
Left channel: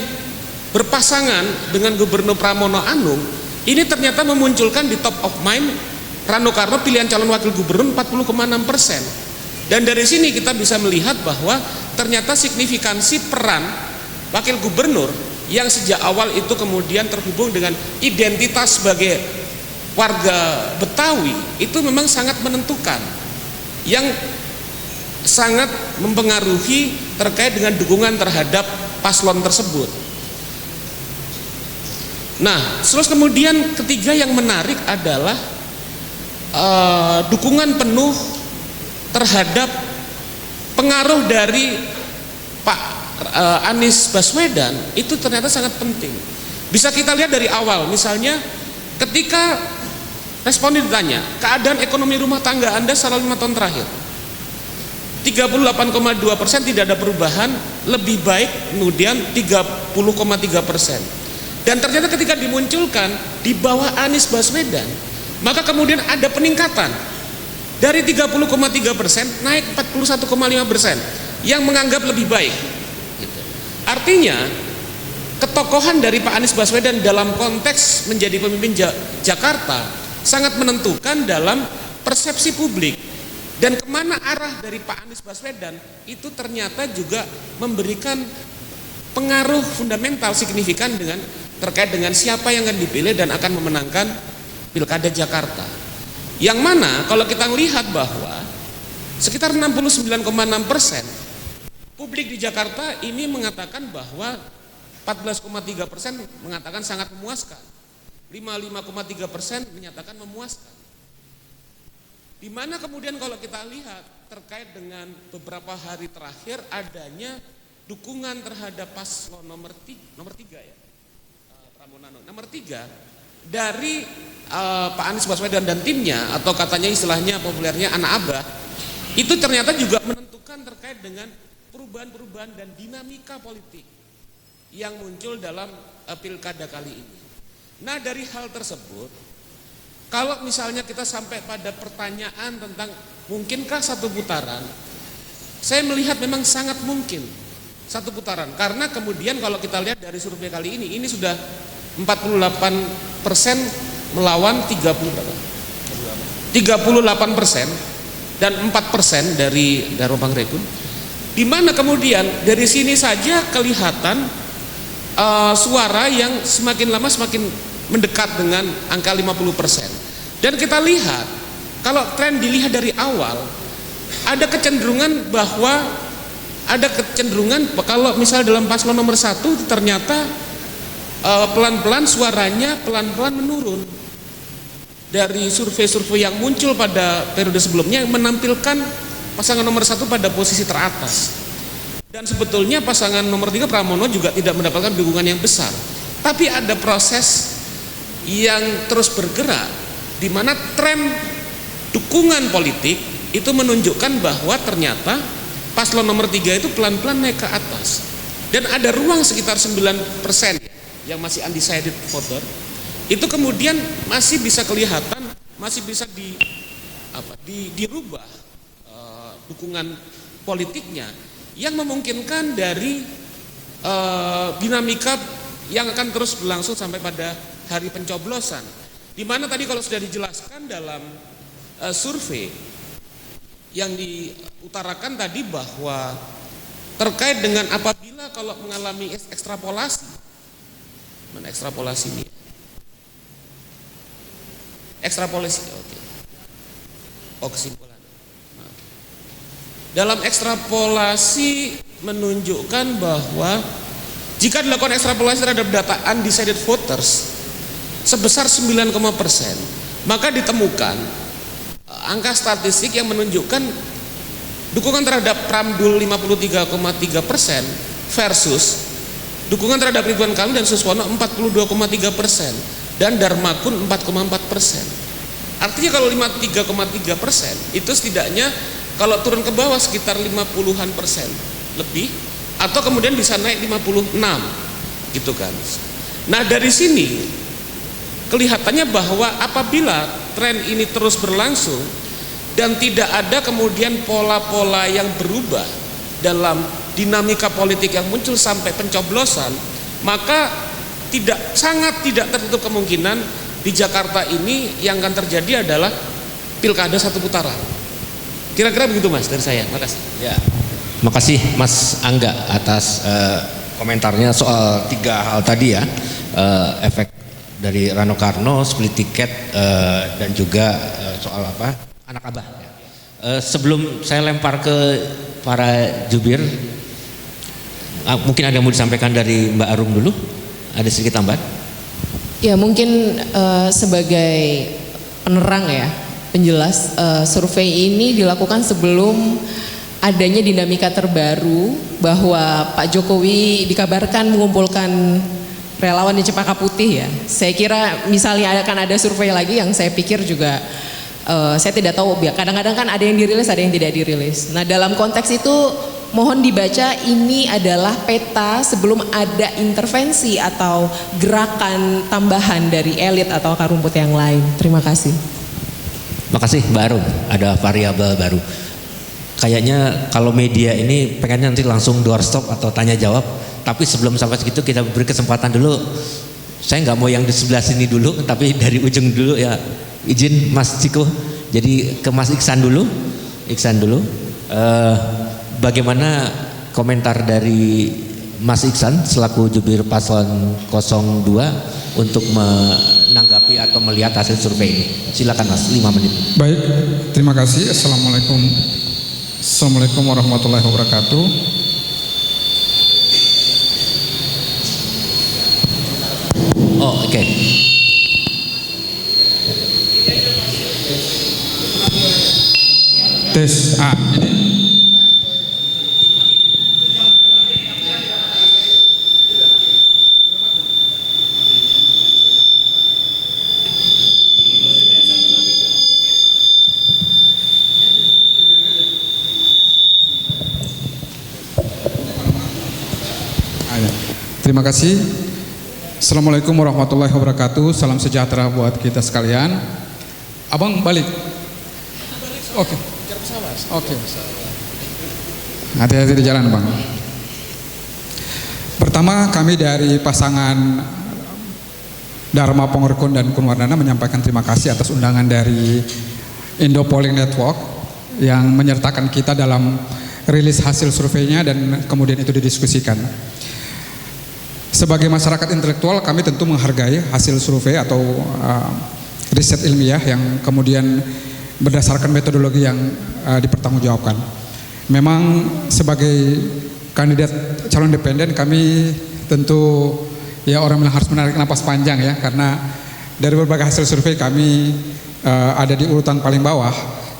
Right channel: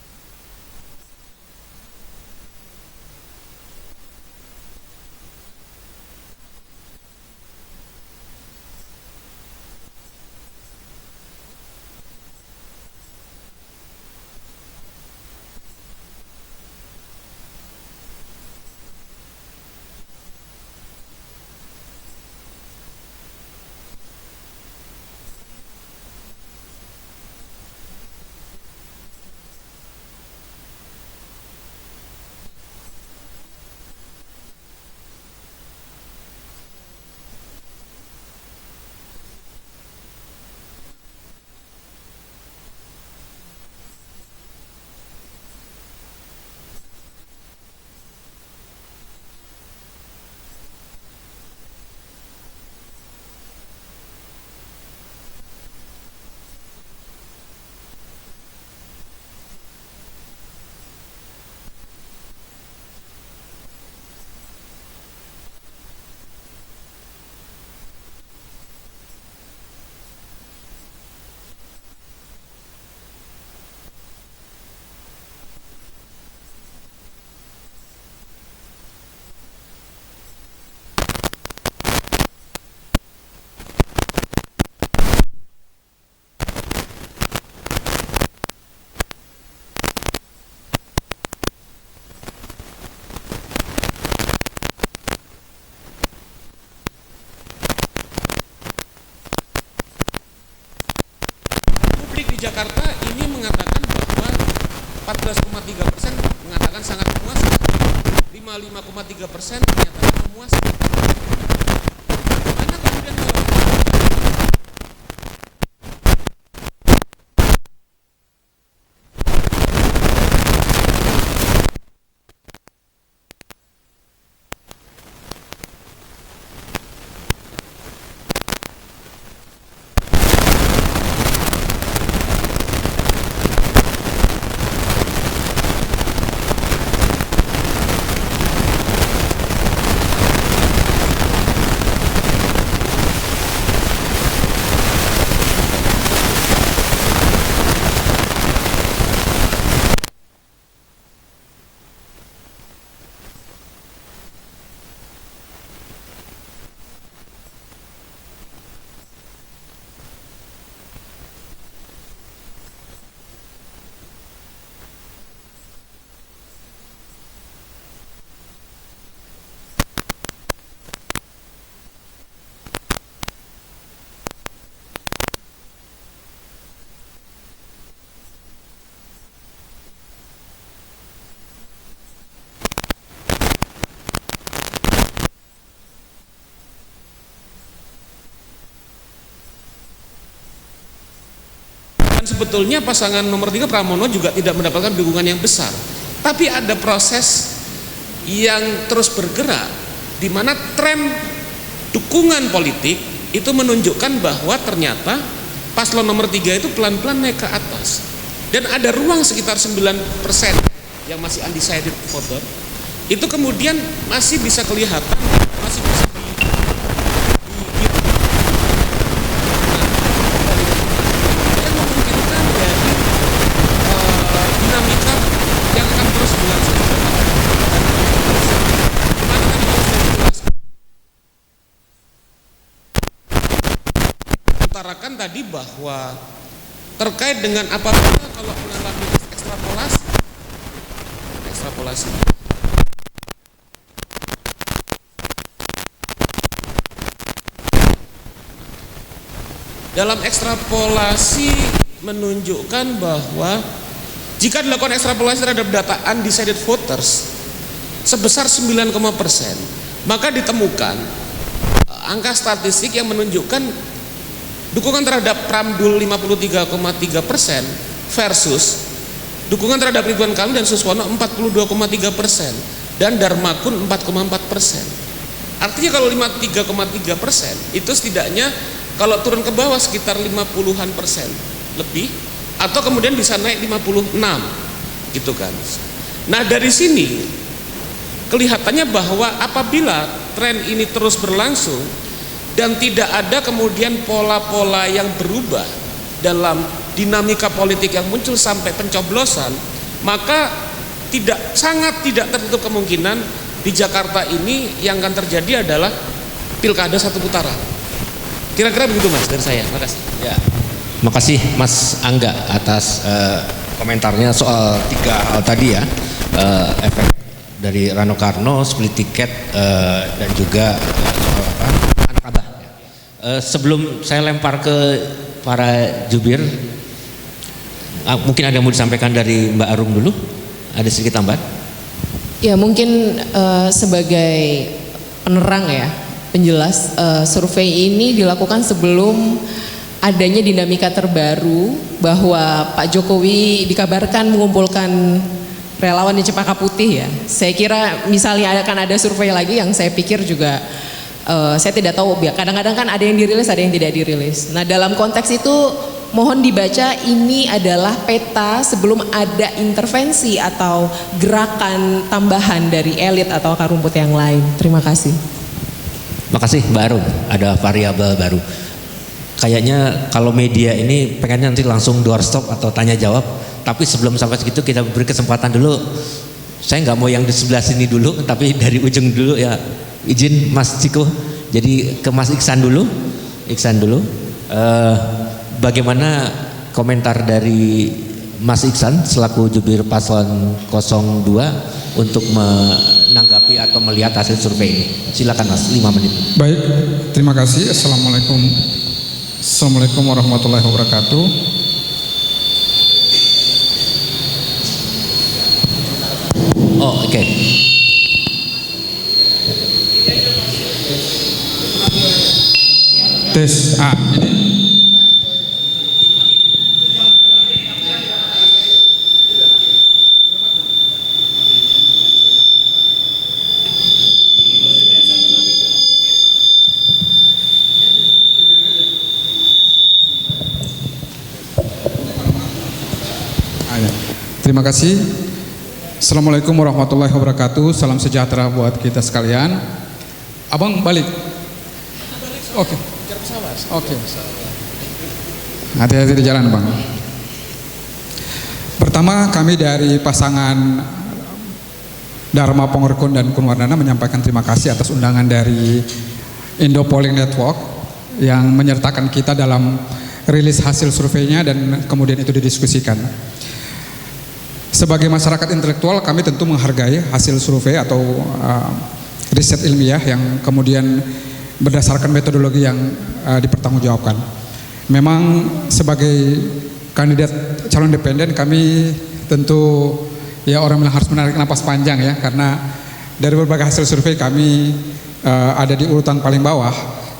berpasangan dengan Gubernur Pramono Anung, ini ternyata memunculkan di top of mind Rano Karno pilihan calon wakil gubernur 40,6%. Dan dari sini kita bisa melihat bahwa ternyata signifikansi peran wakil gubernur yang sejak awal itu kemudian terhubung dengan identitas sebagai warga Betawi itu memang sangat menentukan, yang sangat mempengaruhi terkait dengan dukungan terhadap paslon tersebut. Nah, terus kemudian ketiga yang menarik adalah dukungan penuh terhadap pengaruh dari Pak Anies Baswedan itu ternyata sangat penting. Bisa kita lihat dari awal, misalnya ketika responden ditanya keadaan ekonomi rumah tangga Anda selama 5 tahun terakhir, 38,2% tidak ada perubahan, lebih baik kemudian 30,3%. Dan ternyata ketika dimunculkan di bawah Anies Baswedan, maka kemudian ada peningkatan dari 30,3% naik 41,5% yang menganggap lebih baik. Artinya ketokohan dari Pak Anies Baswedan dalam konteks menjadi pemimpin Jakarta sangat menentukan dalam persepsi publik, dan kemana arah dari Pak Anies Baswedan itu ternyata juga memberikan pengaruh fundamental signifikan terkait dengan siapa yang akan dipilih dan akan memenangkan Pilkada Jakarta. Yang mana kalau kita melihat bahwa sekitar 69,6% publik di Jakarta ini mengatakan bahwa 14,3% mengatakan sangat memuaskan, 55,3% menyatakan memuaskan. Dimana kemudian kalau kita lihat terkait dengan beberapa hari terakhir adanya dukungan terhadap paslon nomor 3 dari Pak Anies Baswedan dan timnya, atau katanya istilahnya populernya anak abah, itu ternyata juga saya melihat memang sangat mungkin karena kemudian kalau kita lihat dari survei kali ini sudah 48% melawan 38% dan 4% dari Bang Rekun, di mana kemudian dari sini saja kelihatan suara yang semakin lama semakin mendekat dengan angka 50%. Dan kita lihat kalau tren dilihat dari awal, ada kecenderungan bahwa kalau misalnya dalam paslon nomor 1 ternyata pelan-pelan suaranya pelan-pelan menurun dari survei-survei yang muncul pada periode sebelumnya yang menampilkan pasangan nomor 1 pada posisi teratas. Dan sebetulnya pasangan nomor 3 Pramono juga tidak mendapatkan dukungan yang besar, tapi ada proses yang terus bergerak di mana tren dukungan politik itu menunjukkan bahwa ternyata paslon nomor 3 itu pelan-pelan naik ke atas, dan ada ruang sekitar 9% yang masih undecided voter itu kemudian masih bisa kelihatan, masih bisa dirubah dengan politiknya yang memungkinkan dari dinamika yang akan terus berlangsung sampai pada hari pencoblosan, di mana tadi kalau sudah dijelaskan dalam survei yang diutarakan tadi bahwa terkait dengan apabila kalau mengalami ekstrapolasi. Dalam ekstrapolasi menunjukkan bahwa jika dilakukan ekstrapolasi terhadap data undecided voters sebesar 9%, maka ditemukan angka statistik yang menunjukkan dukungan terhadap Pramdul 53,3% versus dukungan terhadap Ridwan Kamil dan Suswono 42,3% dan Darmakun 4,4%. Artinya kalau 53,3% itu setidaknya kalau turun ke bawah sekitar 50-an persen lebih, atau kemudian bisa naik 56 gitu kan. Nah dari sini kelihatannya bahwa apabila tren ini terus berlangsung dan tidak ada kemudian pola-pola yang berubah dalam dinamika politik yang muncul sampai pencoblosan, maka sangat tidak tertutup kemungkinan di Jakarta ini yang akan terjadi adalah pilkada satu putaran. Kira-kira begitu Mas dari saya. Makasih. Ya, makasih Mas Angga atas komentarnya soal 3 hal tadi ya, efek dari Rano Karno, split tiket, dan juga soal apa anak abah. Sebelum saya lempar ke para jubir, mungkin ada yang mau disampaikan dari Mbak Arum dulu, ada sedikit tambahan. Ya mungkin sebagai penerang ya, penjelas, survei ini dilakukan sebelum adanya dinamika terbaru bahwa Pak Jokowi dikabarkan mengumpulkan relawan di Cempaka Putih ya. Saya kira misalnya akan ada survei lagi yang saya pikir juga saya tidak tahu, kadang-kadang kan ada yang dirilis, ada yang tidak dirilis. Nah dalam konteks itu mohon dibaca ini adalah peta sebelum ada intervensi atau gerakan tambahan dari elit atau akar rumput yang lain. Terima kasih. Makasih Mbak Arum, ada variabel baru. Kayaknya kalau media ini pengennya nanti langsung doorstop atau tanya jawab, tapi sebelum sampai segitu kita beri kesempatan dulu. Saya nggak mau yang di sebelah sini dulu, tapi dari ujung dulu ya. Izin Mas Ciko, jadi ke Mas Iksan dulu. Bagaimana komentar dari Mas Iksan selaku jubir paslon 02 untuk menanggapi atau melihat hasil survei ini? Silakan Mas, 5 menit. Baik, terima kasih. Assalamualaikum warahmatullahi wabarakatuh. Oh, oke. Tes ini. Terima kasih. Assalamualaikum warahmatullahi wabarakatuh. Salam sejahtera buat kita sekalian. Abang balik. Oke. Oke. Hati-hati di jalan, Bang. Pertama, kami dari pasangan Dharma Pongerkun dan Kunwardana menyampaikan terima kasih atas undangan dari Indo Polling Network yang menyertakan kita dalam rilis hasil surveinya dan kemudian itu didiskusikan. Sebagai masyarakat intelektual, kami tentu menghargai hasil survei atau riset ilmiah yang kemudian berdasarkan metodologi yang dipertanggungjawabkan. Memang sebagai kandidat calon independen, kami tentu ya orang yang harus menarik napas panjang ya, karena dari berbagai hasil survei kami ada di urutan paling bawah.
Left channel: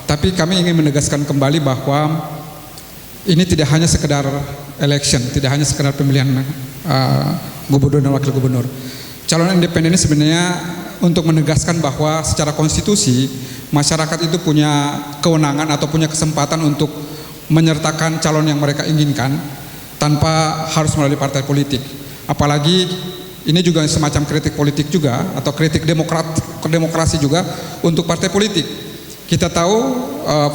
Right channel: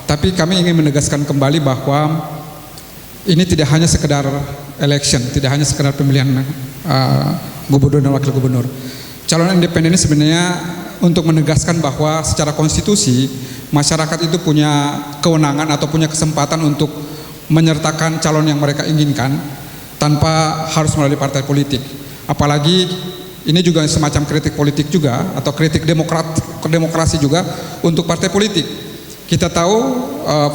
Tapi kami ingin menegaskan kembali bahwa ini tidak hanya sekedar election, tidak hanya sekedar pemilihan gubernur dan wakil gubernur. Calon independen ini sebenarnya untuk menegaskan bahwa secara konstitusi masyarakat itu punya kewenangan atau punya kesempatan untuk menyertakan calon yang mereka inginkan tanpa harus melalui partai politik. Apalagi ini juga semacam kritik politik juga atau kritik demokrasi juga untuk partai politik. Kita tahu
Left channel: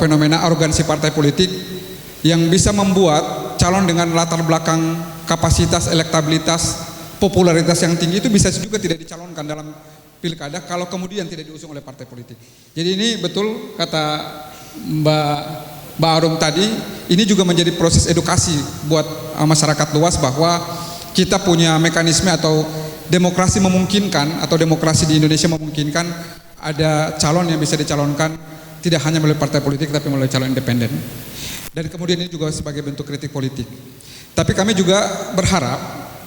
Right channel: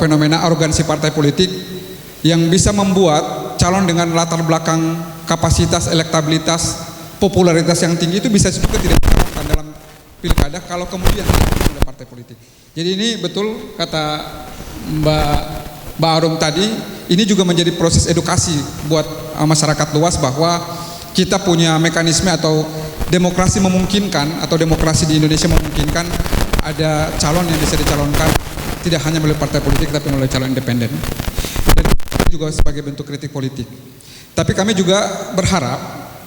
fenomena arogansi partai politik yang bisa membuat calon dengan latar belakang kapasitas, elektabilitas, popularitas yang tinggi itu bisa juga tidak dicalonkan dalam pilkada kalau kemudian tidak didukung oleh partai politik. Jadi ini betul kata Mbak Arum tadi, ini juga menjadi proses edukasi buat masyarakat luas bahwa kita punya mekanisme atau demokrasi memungkinkan atau demokrasi di Indonesia memungkinkan ada calon yang bisa dicalonkan tidak hanya melalui partai politik tapi melalui calon independen. Dan kemudian ini juga sebagai bentuk kritik politik. Tapi kami juga berharap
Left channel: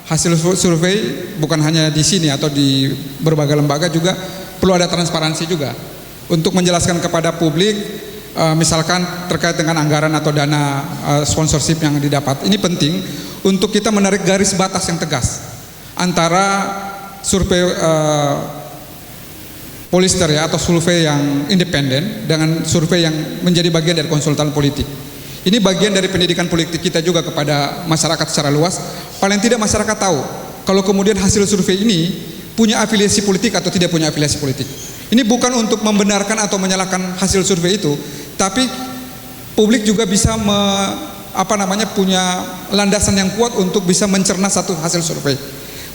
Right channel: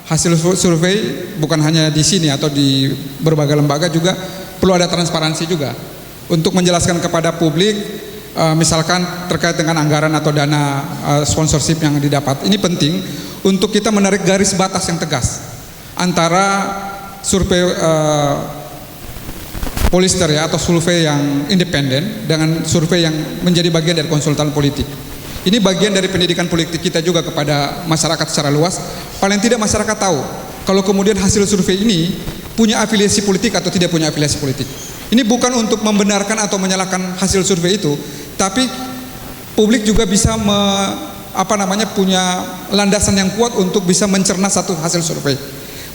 hasil survei bukan hanya di sini atau di berbagai lembaga, juga perlu ada transparansi juga untuk menjelaskan kepada publik, misalkan terkait dengan anggaran atau dana sponsorship yang didapat. Ini penting untuk kita menarik garis batas yang tegas antara survei Pollster ya, atau survei yang independen dengan survei yang menjadi bagian dari konsultan politik. Ini bagian dari pendidikan politik kita juga kepada masyarakat secara luas. Paling tidak masyarakat tahu kalau kemudian hasil survei ini punya afiliasi politik atau tidak punya afiliasi politik. Ini bukan untuk membenarkan atau menyalahkan hasil survei itu, tapi publik juga bisa punya landasan yang kuat untuk bisa mencerna satu hasil survei.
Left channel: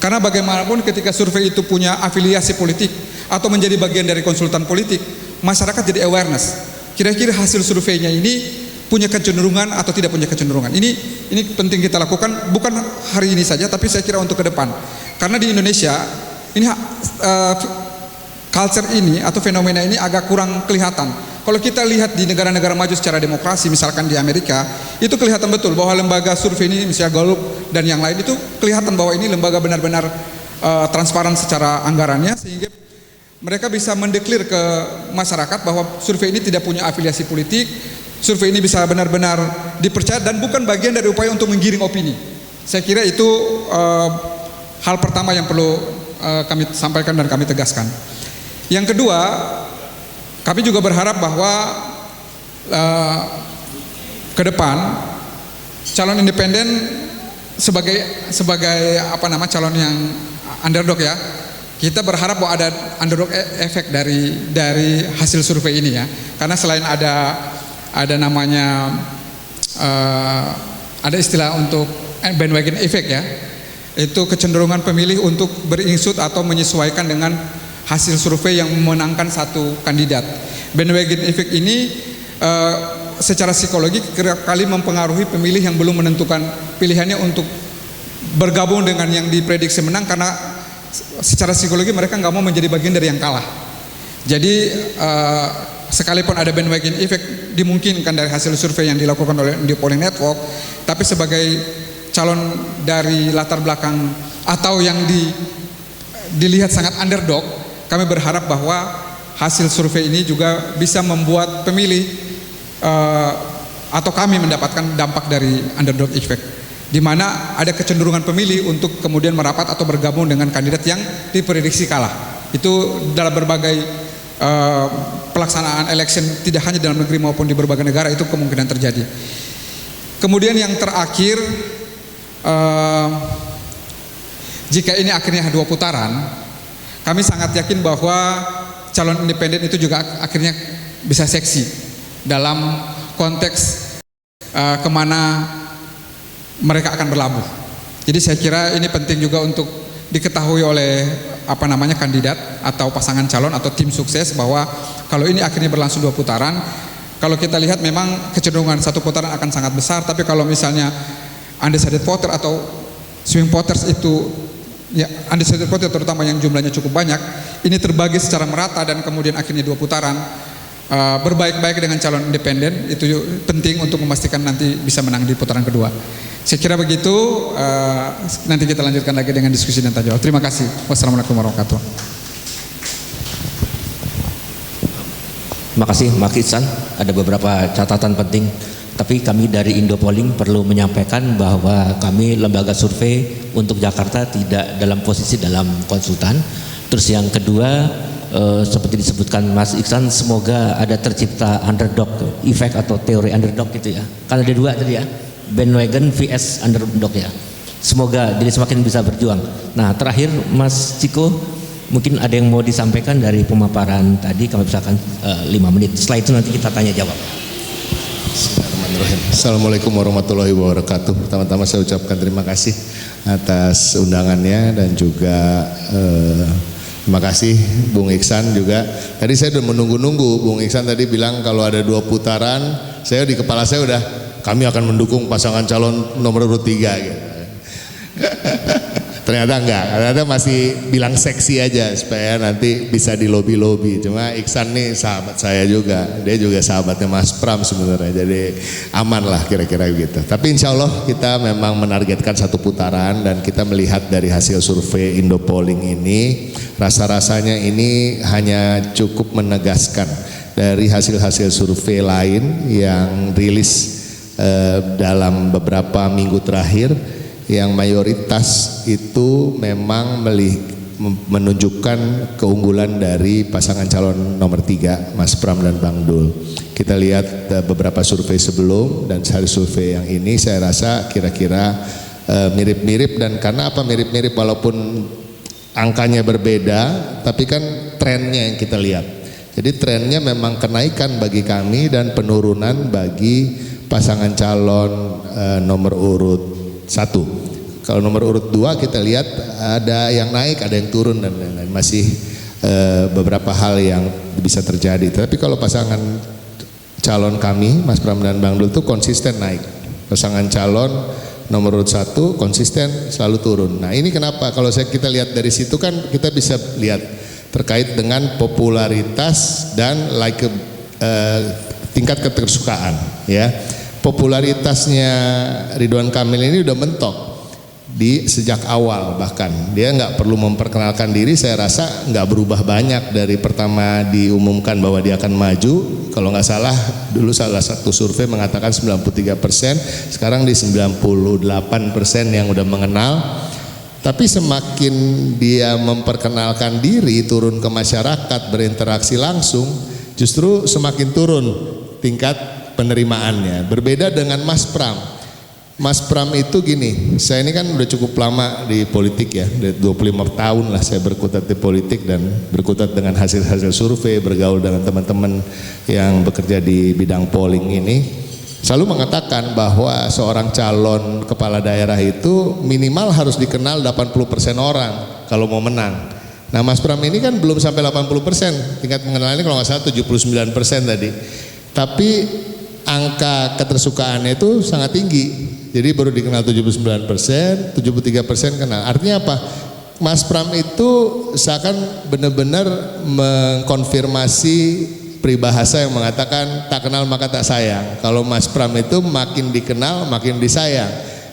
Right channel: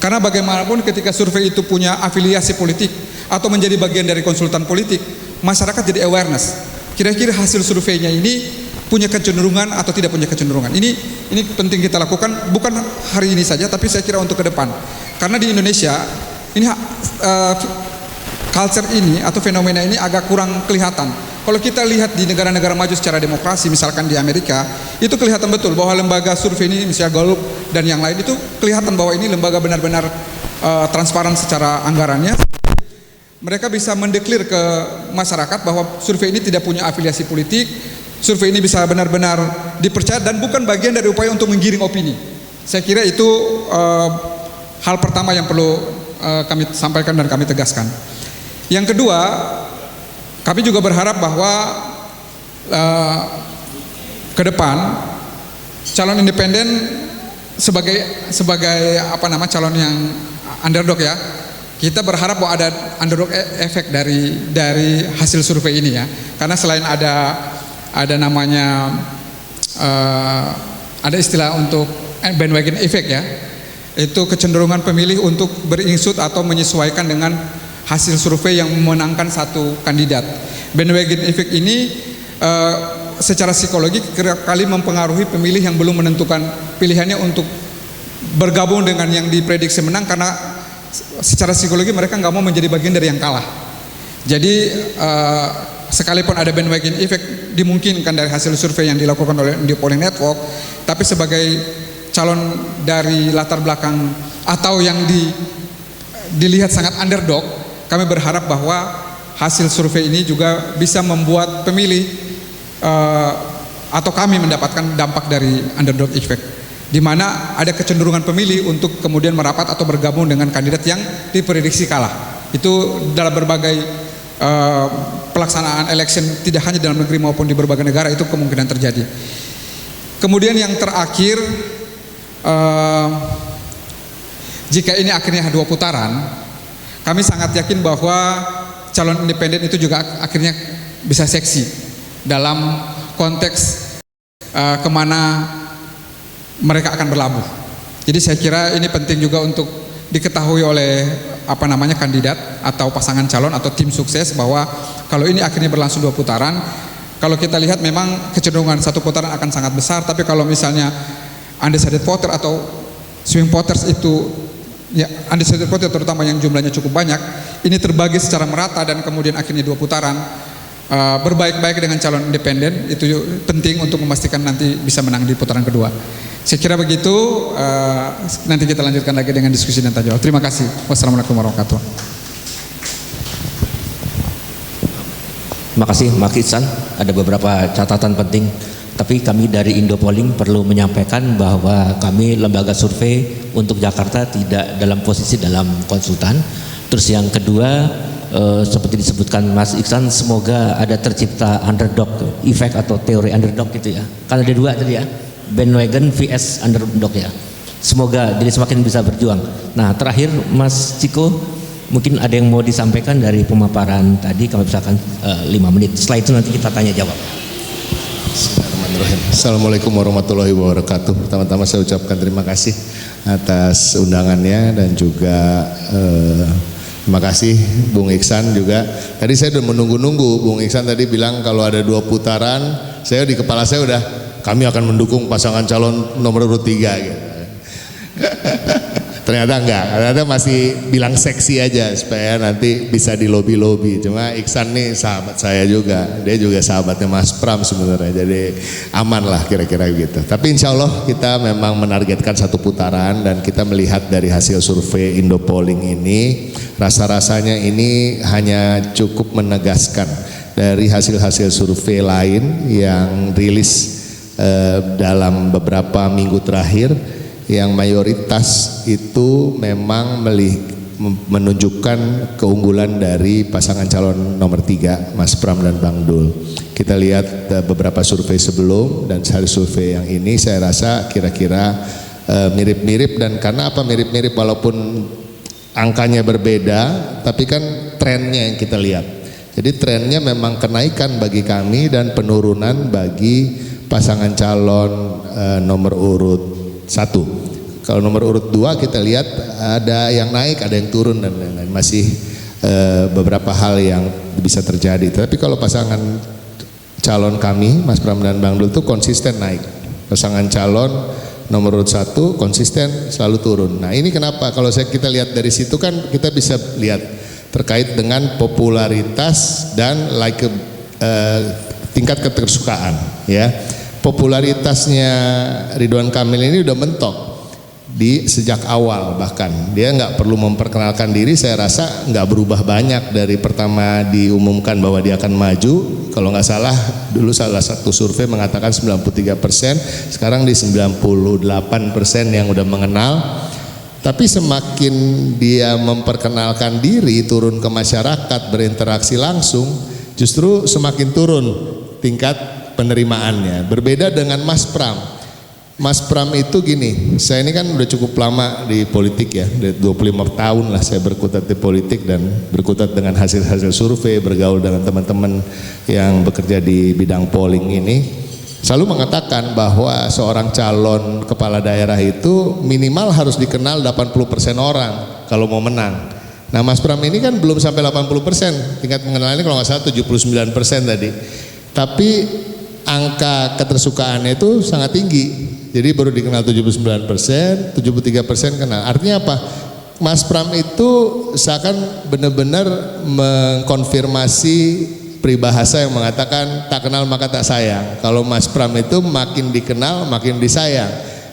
Karena bagaimanapun ketika survei itu punya afiliasi politik atau menjadi bagian dari konsultan politik, masyarakat jadi awareness. Kira-kira hasil surveinya ini punya kecenderungan atau tidak punya kecenderungan. Ini penting kita lakukan bukan hari ini saja, tapi saya kira untuk ke depan. Karena di Indonesia ini culture ini atau fenomena ini agak kurang kelihatan. Kalau kita lihat di negara-negara maju secara demokrasi, misalkan di Amerika, itu kelihatan betul bahwa lembaga survei ini, misalnya Gallup dan yang lain, itu kelihatan bahwa ini lembaga benar-benar transparan secara anggarannya, sehingga mereka bisa mendeklir ke masyarakat bahwa survei ini tidak punya afiliasi politik, survei ini bisa benar-benar dipercaya dan bukan bagian dari upaya untuk menggiring opini. Saya kira itu hal pertama yang perlu kami sampaikan dan kami tegaskan. Yang kedua, kami juga berharap bahwa ke depan calon independen sebagai calon yang underdog ya, kita berharap bahwa ada underdog efek dari hasil survei ini ya. Karena selain ada namanya ada istilah untuk bandwagon effect ya, itu kecenderungan pemilih untuk beringsut atau menyesuaikan dengan hasil survei yang memenangkan satu kandidat. Bandwagon effect ini secara psikologi kerap kali mempengaruhi pemilih yang belum menentukan pilihannya untuk bergabung dengan yang diprediksi menang, karena secara psikologi mereka nggak mau menjadi bagian dari yang kalah. Jadi sekalipun ada bandwagon effect dimungkinkan dari hasil survei yang dilakukan oleh Indio Polling Network, tapi sebagai calon dari latar belakang atau yang dilihat sangat underdog, kami berharap bahwa hasil survei ini juga bisa membuat pemilih atau kami mendapatkan dampak dari underdog effect, di mana ada kecenderungan pemilih untuk kemudian merapat atau bergabung dengan kandidat yang diprediksi kalah. Itu dalam berbagai pelaksanaan election, tidak hanya dalam negeri maupun di berbagai negara, itu kemungkinan terjadi. Kemudian yang terakhir, jika ini akhirnya 2 putaran, kami sangat yakin bahwa calon independen itu juga akhirnya bisa seksi dalam konteks kemana mereka akan berlabuh. Jadi saya kira ini penting juga untuk diketahui oleh kandidat atau pasangan calon atau tim sukses, bahwa kalau ini akhirnya berlangsung 2 putaran, kalau kita lihat memang kecenderungan 1 putaran akan sangat besar, tapi kalau misalnya undecided voter atau swing voters itu ya, undecided voter terutama yang jumlahnya cukup banyak, ini terbagi secara merata dan kemudian akhirnya 2 putaran berbaik-baik dengan calon independen, itu penting untuk memastikan nanti bisa menang di putaran kedua. Saya kira begitu, nanti kita lanjutkan lagi dengan diskusi dan tanya jawab. Terima kasih. Wassalamualaikum warahmatullahi wabarakatuh. Terima kasih Mas Ihsan, ada beberapa catatan penting. Tapi kami dari Indo Polling perlu menyampaikan bahwa kami lembaga survei untuk Jakarta tidak dalam posisi dalam konsultan. Terus yang kedua, seperti disebutkan Mas Ihsan, semoga ada tercipta underdog effect atau teori underdog gitu ya. Kan ada 2 tadi ya, bandwagon vs underdog ya. Semoga jadi semakin bisa berjuang. Nah terakhir Mas Ciko, mungkin ada yang mau disampaikan dari pemaparan tadi, kami misalkan 5 menit. Setelah itu nanti kita tanya jawab. Assalamualaikum warahmatullahi wabarakatuh. Pertama-tama saya ucapkan terima kasih atas undangannya dan juga terima kasih Bung Iksan juga. Tadi saya udah menunggu-nunggu, Bung Iksan tadi bilang kalau ada 2 putaran, saya di kepala saya udah kami akan mendukung pasangan calon nomor urut 3 gitu. Ternyata enggak, ternyata masih bilang seksi aja supaya nanti bisa di lobi-lobi. Cuma Iksan nih sahabat saya juga, dia juga sahabatnya Mas Pram sebenarnya, jadi aman lah kira-kira gitu. Tapi insya Allah kita memang menargetkan 1 putaran, dan kita melihat dari hasil survei Indopolling ini, rasa-rasanya ini hanya cukup menegaskan dari hasil-hasil survei lain yang rilis dalam beberapa minggu terakhir, yang mayoritas itu memang menunjukkan keunggulan dari pasangan calon nomor 3, Mas Pram dan Bang Dul. Kita lihat beberapa survei sebelum dan hasil survei yang ini, saya rasa kira-kira mirip-mirip. Dan karena apa mirip-mirip, walaupun angkanya berbeda, tapi kan trennya yang kita lihat. Jadi trennya memang kenaikan bagi kami dan penurunan bagi pasangan calon nomor urut 1. Kalau nomor urut 2 kita lihat ada yang naik, ada yang turun dan lain-lain. Masih beberapa hal yang bisa terjadi. Tapi kalau pasangan calon kami, Mas Pram dan Bang Dul, itu konsisten naik. Pasangan calon nomor urut 1 konsisten selalu turun. Nah ini kenapa? Kalau kita lihat dari situ kan kita bisa lihat terkait dengan popularitas dan tingkat ketersukaan, ya. Popularitasnya Ridwan Kamil ini udah mentok sejak awal, bahkan dia nggak perlu memperkenalkan diri, saya rasa nggak berubah banyak dari pertama diumumkan bahwa dia akan maju. Kalau nggak salah dulu salah satu survei mengatakan 93%, sekarang di 98% yang udah mengenal. Tapi semakin dia memperkenalkan diri, turun ke masyarakat, berinteraksi langsung, justru semakin turun tingkat penerimaannya. Berbeda dengan Mas Pram. Mas Pram itu gini, saya ini kan udah cukup lama di politik ya, dari 25 tahun lah saya berkutat di politik dan berkutat dengan hasil-hasil survei, bergaul dengan teman-teman yang bekerja di bidang polling ini. Selalu mengatakan bahwa seorang calon kepala daerah itu minimal harus dikenal 80% orang kalau mau menang. Nah Mas Pram ini kan belum sampai 80%, tingkat pengenalannya kalau nggak salah 79% tadi. Tapi angka ketersukaannya itu sangat tinggi. Jadi baru dikenal 79%, 73% kenal. Artinya apa? Mas Pram itu seakan benar-benar mengkonfirmasi peribahasa yang mengatakan tak kenal maka tak sayang. Kalau Mas Pram itu makin dikenal makin disayang.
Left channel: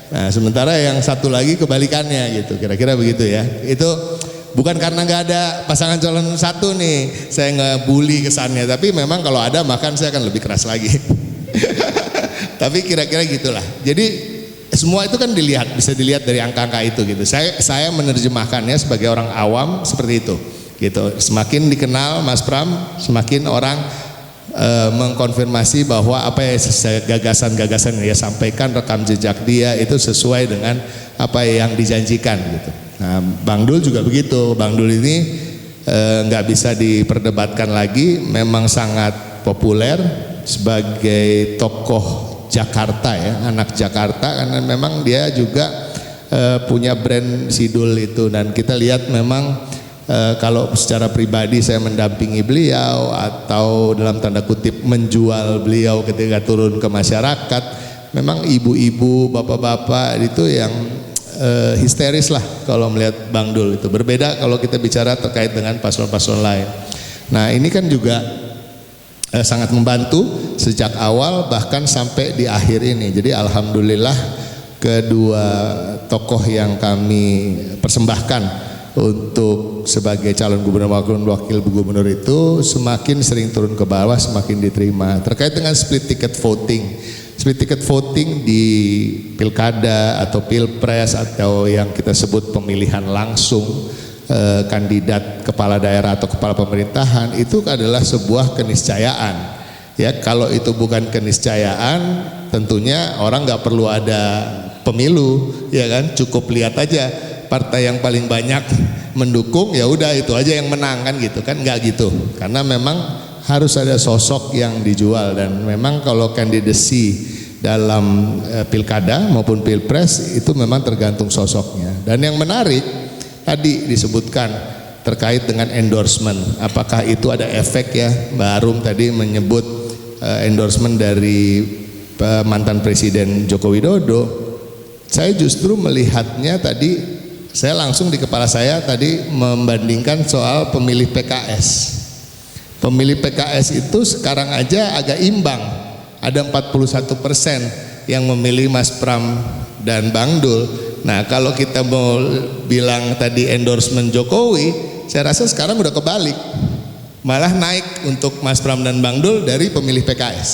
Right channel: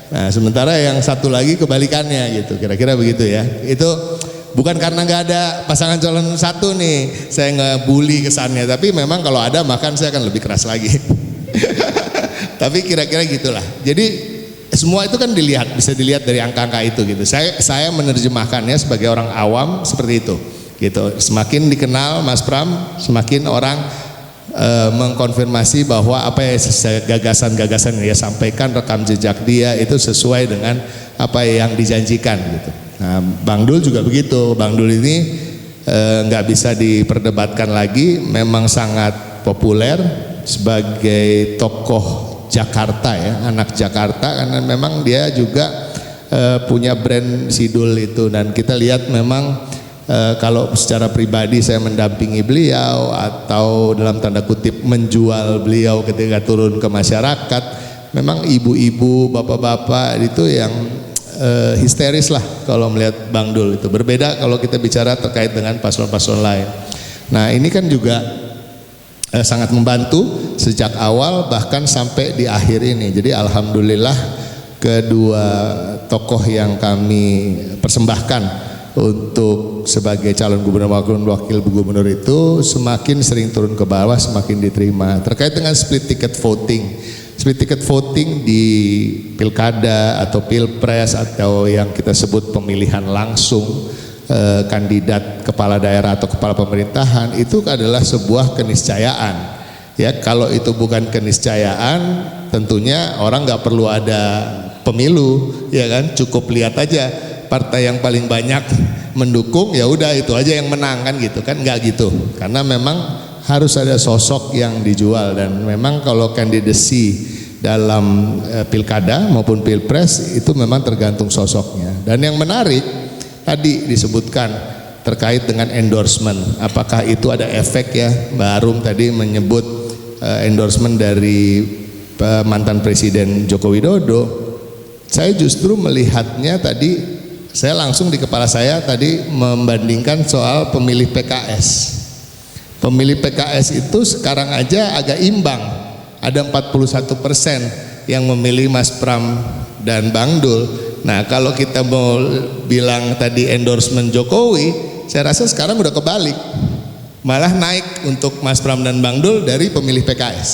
Nah sementara yang satu lagi kebalikannya gitu, kira-kira begitu ya. Itu bukan karena nggak ada pasangan calon 1 nih, saya nggak bully kesannya. Tapi memang kalau ada makan saya akan lebih keras lagi. Tapi kira-kira gitulah. Jadi semua itu kan bisa dilihat dari angka-angka itu gitu. Saya menerjemahkannya sebagai orang awam seperti itu. Gitu. Semakin dikenal Mas Pram, semakin orang mengkonfirmasi bahwa apa ya gagasan-gagasan yang dia sampaikan, rekam jejak dia itu sesuai dengan apa yang dijanjikan gitu. Nah, Bang Dul juga begitu. Bang Dul ini nggak bisa diperdebatkan lagi, memang sangat populer sebagai tokoh Jakarta ya, anak Jakarta, karena memang dia juga punya brand Sidul itu. Dan kita lihat memang kalau secara pribadi saya mendampingi beliau atau dalam tanda kutip menjual beliau ketika turun ke masyarakat, memang ibu-ibu, bapak-bapak itu yang histeris lah kalau melihat Bang Dul itu. Berbeda kalau kita bicara terkait dengan paslon-paslon lain. Nah ini kan juga sangat membantu sejak awal bahkan sampai di akhir ini. Jadi alhamdulillah kedua tokoh yang kami persembahkan untuk sebagai calon gubernur wakil gubernur itu semakin sering turun ke bawah, semakin diterima. Terkait dengan split ticket voting di pilkada atau pilpres atau yang kita sebut pemilihan langsung kandidat kepala daerah atau kepala pemerintahan, itu adalah sebuah keniscayaan. Ya, kalau itu bukan keniscayaan, tentunya orang nggak perlu ada pemilu, ya kan? Cukup lihat aja partai yang paling banyak mendukung, ya udah itu aja yang menang kan gitu kan? Nggak gitu, karena memang harus ada sosok yang dijual. Dan memang kalau kandidasi dalam pilkada maupun pilpres itu memang tergantung sosoknya. Dan yang menarik tadi disebutkan terkait dengan endorsement, apakah itu ada efek ya? Mbak Arum tadi menyebut endorsement dari mantan Presiden Joko Widodo. Saya justru melihatnya tadi saya langsung di kepala saya tadi membandingkan soal pemilih PKS. Pemilih PKS itu sekarang aja agak imbang, ada 41% yang memilih Mas Pram dan Bang Dul. Nah kalau kita mau bilang tadi endorsement Jokowi, saya rasa sekarang udah kebalik, malah naik untuk Mas Pram dan Bang Dul dari pemilih PKS,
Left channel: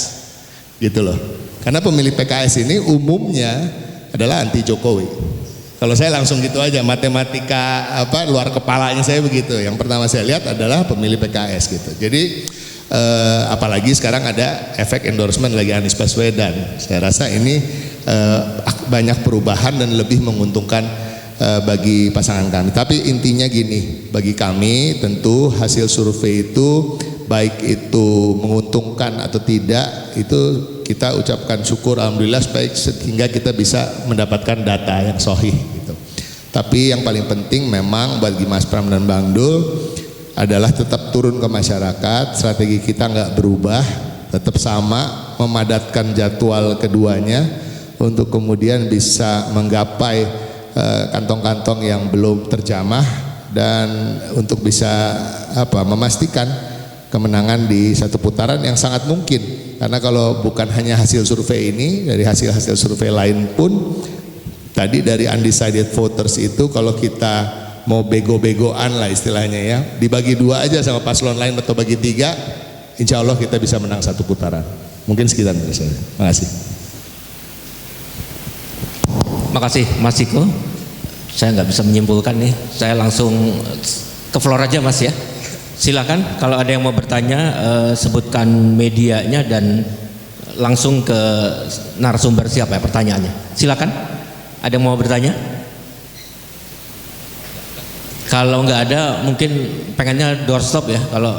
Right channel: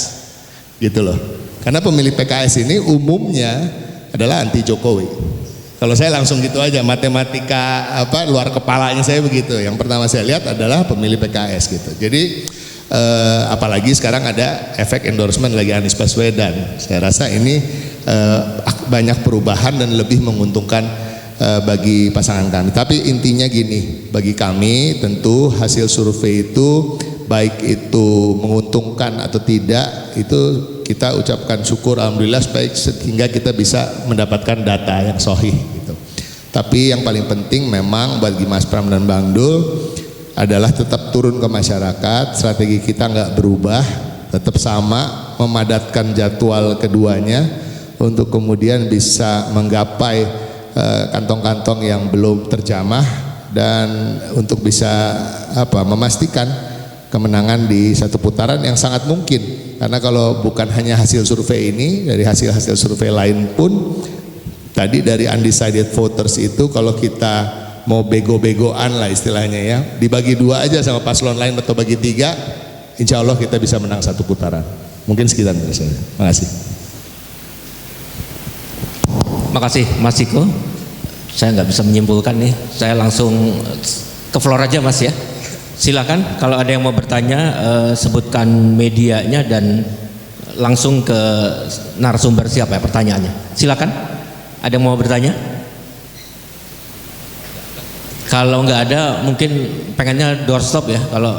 gitu loh. Karena pemilih PKS ini umumnya adalah anti Jokowi. Kalau saya langsung gitu aja, matematika luar kepalanya saya begitu. Yang pertama saya lihat adalah pemilih PKS gitu. Jadi apalagi sekarang ada efek endorsement lagi Anies Baswedan. Saya rasa ini banyak perubahan dan lebih menguntungkan bagi pasangan kami. Tapi intinya gini, bagi kami tentu hasil survei itu baik itu menguntungkan atau tidak, itu kita ucapkan syukur alhamdulillah baik sehingga kita bisa mendapatkan data yang sahih gitu. Tapi yang paling penting memang bagi Mas Pram dan Bang Dul adalah tetap turun ke masyarakat, strategi kita nggak berubah, tetap sama, memadatkan jadwal keduanya untuk kemudian bisa menggapai kantong-kantong yang belum terjamah dan untuk bisa memastikan kemenangan di satu putaran yang sangat mungkin, karena kalau bukan hanya hasil survei ini, dari hasil-hasil survei lain pun tadi dari undecided voters itu kalau kita mau bego-begoan lah istilahnya ya, dibagi dua aja sama paslon lain atau bagi tiga, insya Allah kita bisa menang satu putaran. Mungkin sekian dari saya. Makasih. Makasih Mas Ciko. Saya nggak bisa menyimpulkan nih, saya langsung ke floor aja Mas ya. Silakan kalau ada yang mau bertanya, sebutkan medianya dan langsung ke narasumber siapa ya pertanyaannya. Silakan, ada yang mau bertanya? Kalau nggak ada mungkin pengennya doorstop ya kalau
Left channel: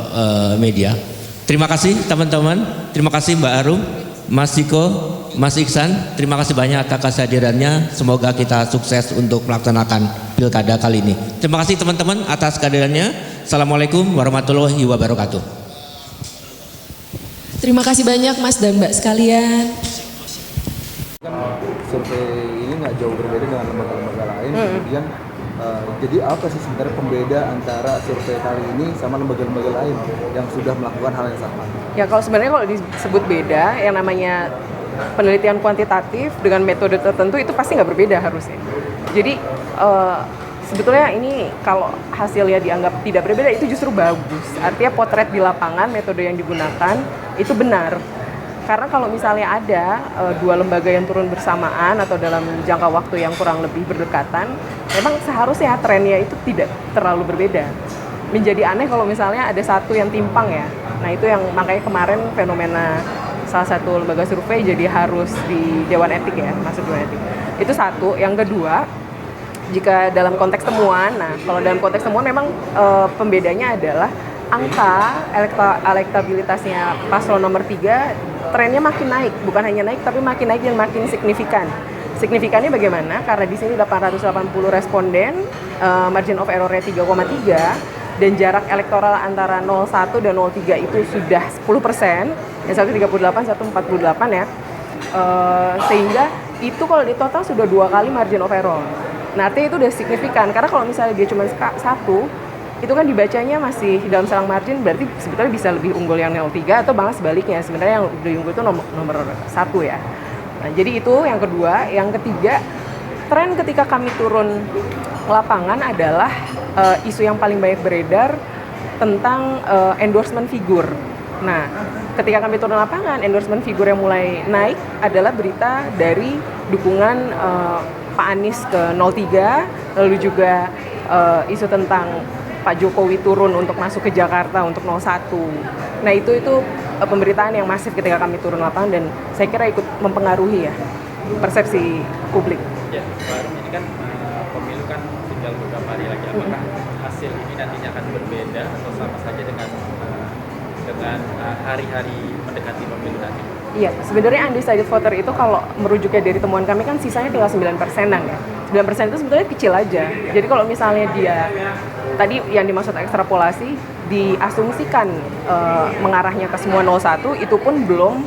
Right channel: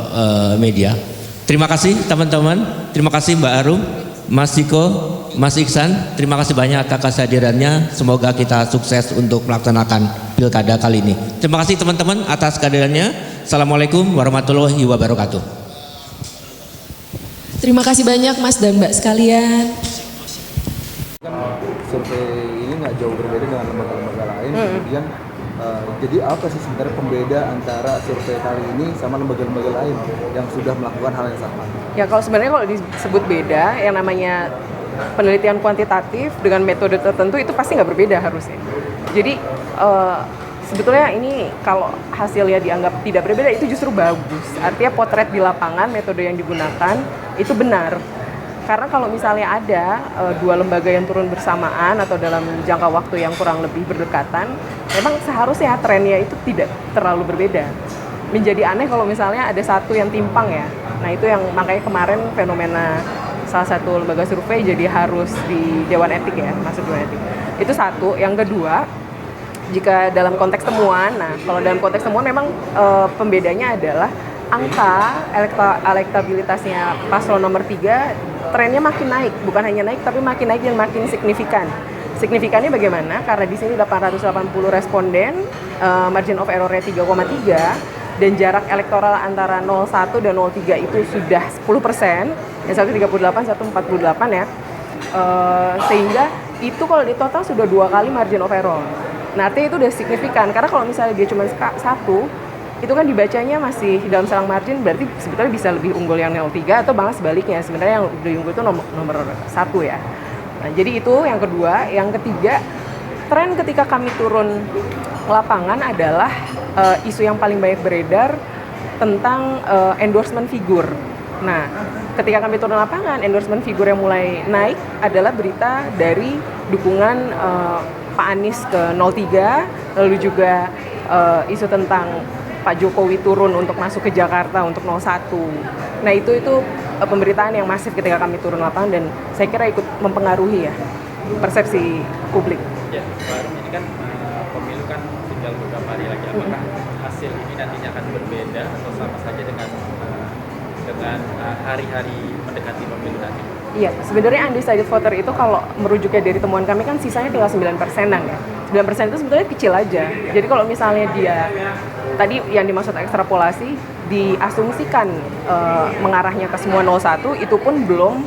media. Terima kasih teman-teman, terima kasih Mbak Arum, Mas Ciko, Mas Iksan, terima kasih banyak atas kehadirannya. Semoga kita sukses untuk melaksanakan pilkada kali ini. Terima kasih teman-teman atas kehadirannya. Assalamualaikum warahmatullahi wabarakatuh. Terima kasih banyak Mas dan Mbak sekalian. Survei ini nggak jauh berbeda dengan lembaga-lembaga lain. Kemudian jadi apa sih sebenarnya pembeda antara survei kali ini sama lembaga-lembaga lain yang sudah melakukan hal yang sama? Ya kalau sebenarnya kalau disebut beda, yang namanya penelitian kuantitatif dengan metode tertentu itu pasti nggak berbeda harusnya. Jadi sebetulnya ini kalau hasilnya dianggap tidak berbeda itu justru bagus. Artinya potret di lapangan, metode yang digunakan itu benar. Karena kalau misalnya ada dua lembaga yang turun bersamaan atau dalam jangka waktu yang kurang lebih berdekatan, memang seharusnya trennya itu tidak terlalu berbeda. Menjadi aneh kalau misalnya ada satu yang timpang ya. Nah itu yang makanya kemarin fenomena salah satu lembaga survei jadi harus di Dewan Etik ya, masuk Dewan Etik. Itu satu. Yang kedua, jika dalam konteks temuan, nah kalau dalam konteks temuan memang pembedanya adalah angka elektabilitasnya paslon nomor 3 trennya makin naik, bukan hanya naik tapi makin naik dan makin signifikan. Signifikannya bagaimana? Karena di sini 880 responden, margin of error-nya 3,3 dan jarak elektoral antara 01 dan 03 itu sudah 10%, yang satu 38, satu 48 ya. Sehingga itu kalau di total sudah 2 kali margin of error. Nah, artinya itu udah signifikan, karena kalau misalnya dia cuma satu, itu kan dibacanya masih dalam selang margin, berarti sebetulnya bisa lebih unggul yang 03 atau malah sebaliknya, sebenarnya yang lebih unggul itu nomor 1 ya. Nah, jadi itu yang kedua. Yang ketiga, tren ketika kami turun ke lapangan adalah isu yang paling banyak beredar tentang endorsement figur. Nah, ketika kami turun lapangan, endorsement figur yang mulai naik adalah berita dari dukungan Pak Anies ke 03, lalu juga isu tentang Pak Jokowi turun untuk masuk ke Jakarta untuk 01. Nah itu pemberitaan yang masif ketika kami turun lapangan dan saya kira ikut mempengaruhi ya persepsi publik. Ya, Pak Arum, ini kan pemilu kan tinggal beberapa hari lagi. Apakah hasil ini nantinya akan berbeda atau sama saja dengan hari-hari mendekati pemilu nanti? Iya, sebenarnya undecided voter itu kalau merujuknya dari temuan kami kan sisanya tinggal 9%-an ya. 9% itu sebetulnya kecil aja. Jadi kalau misalnya dia tadi yang dimaksud ekstrapolasi diasumsikan mengarahnya ke semua 01, itu pun belum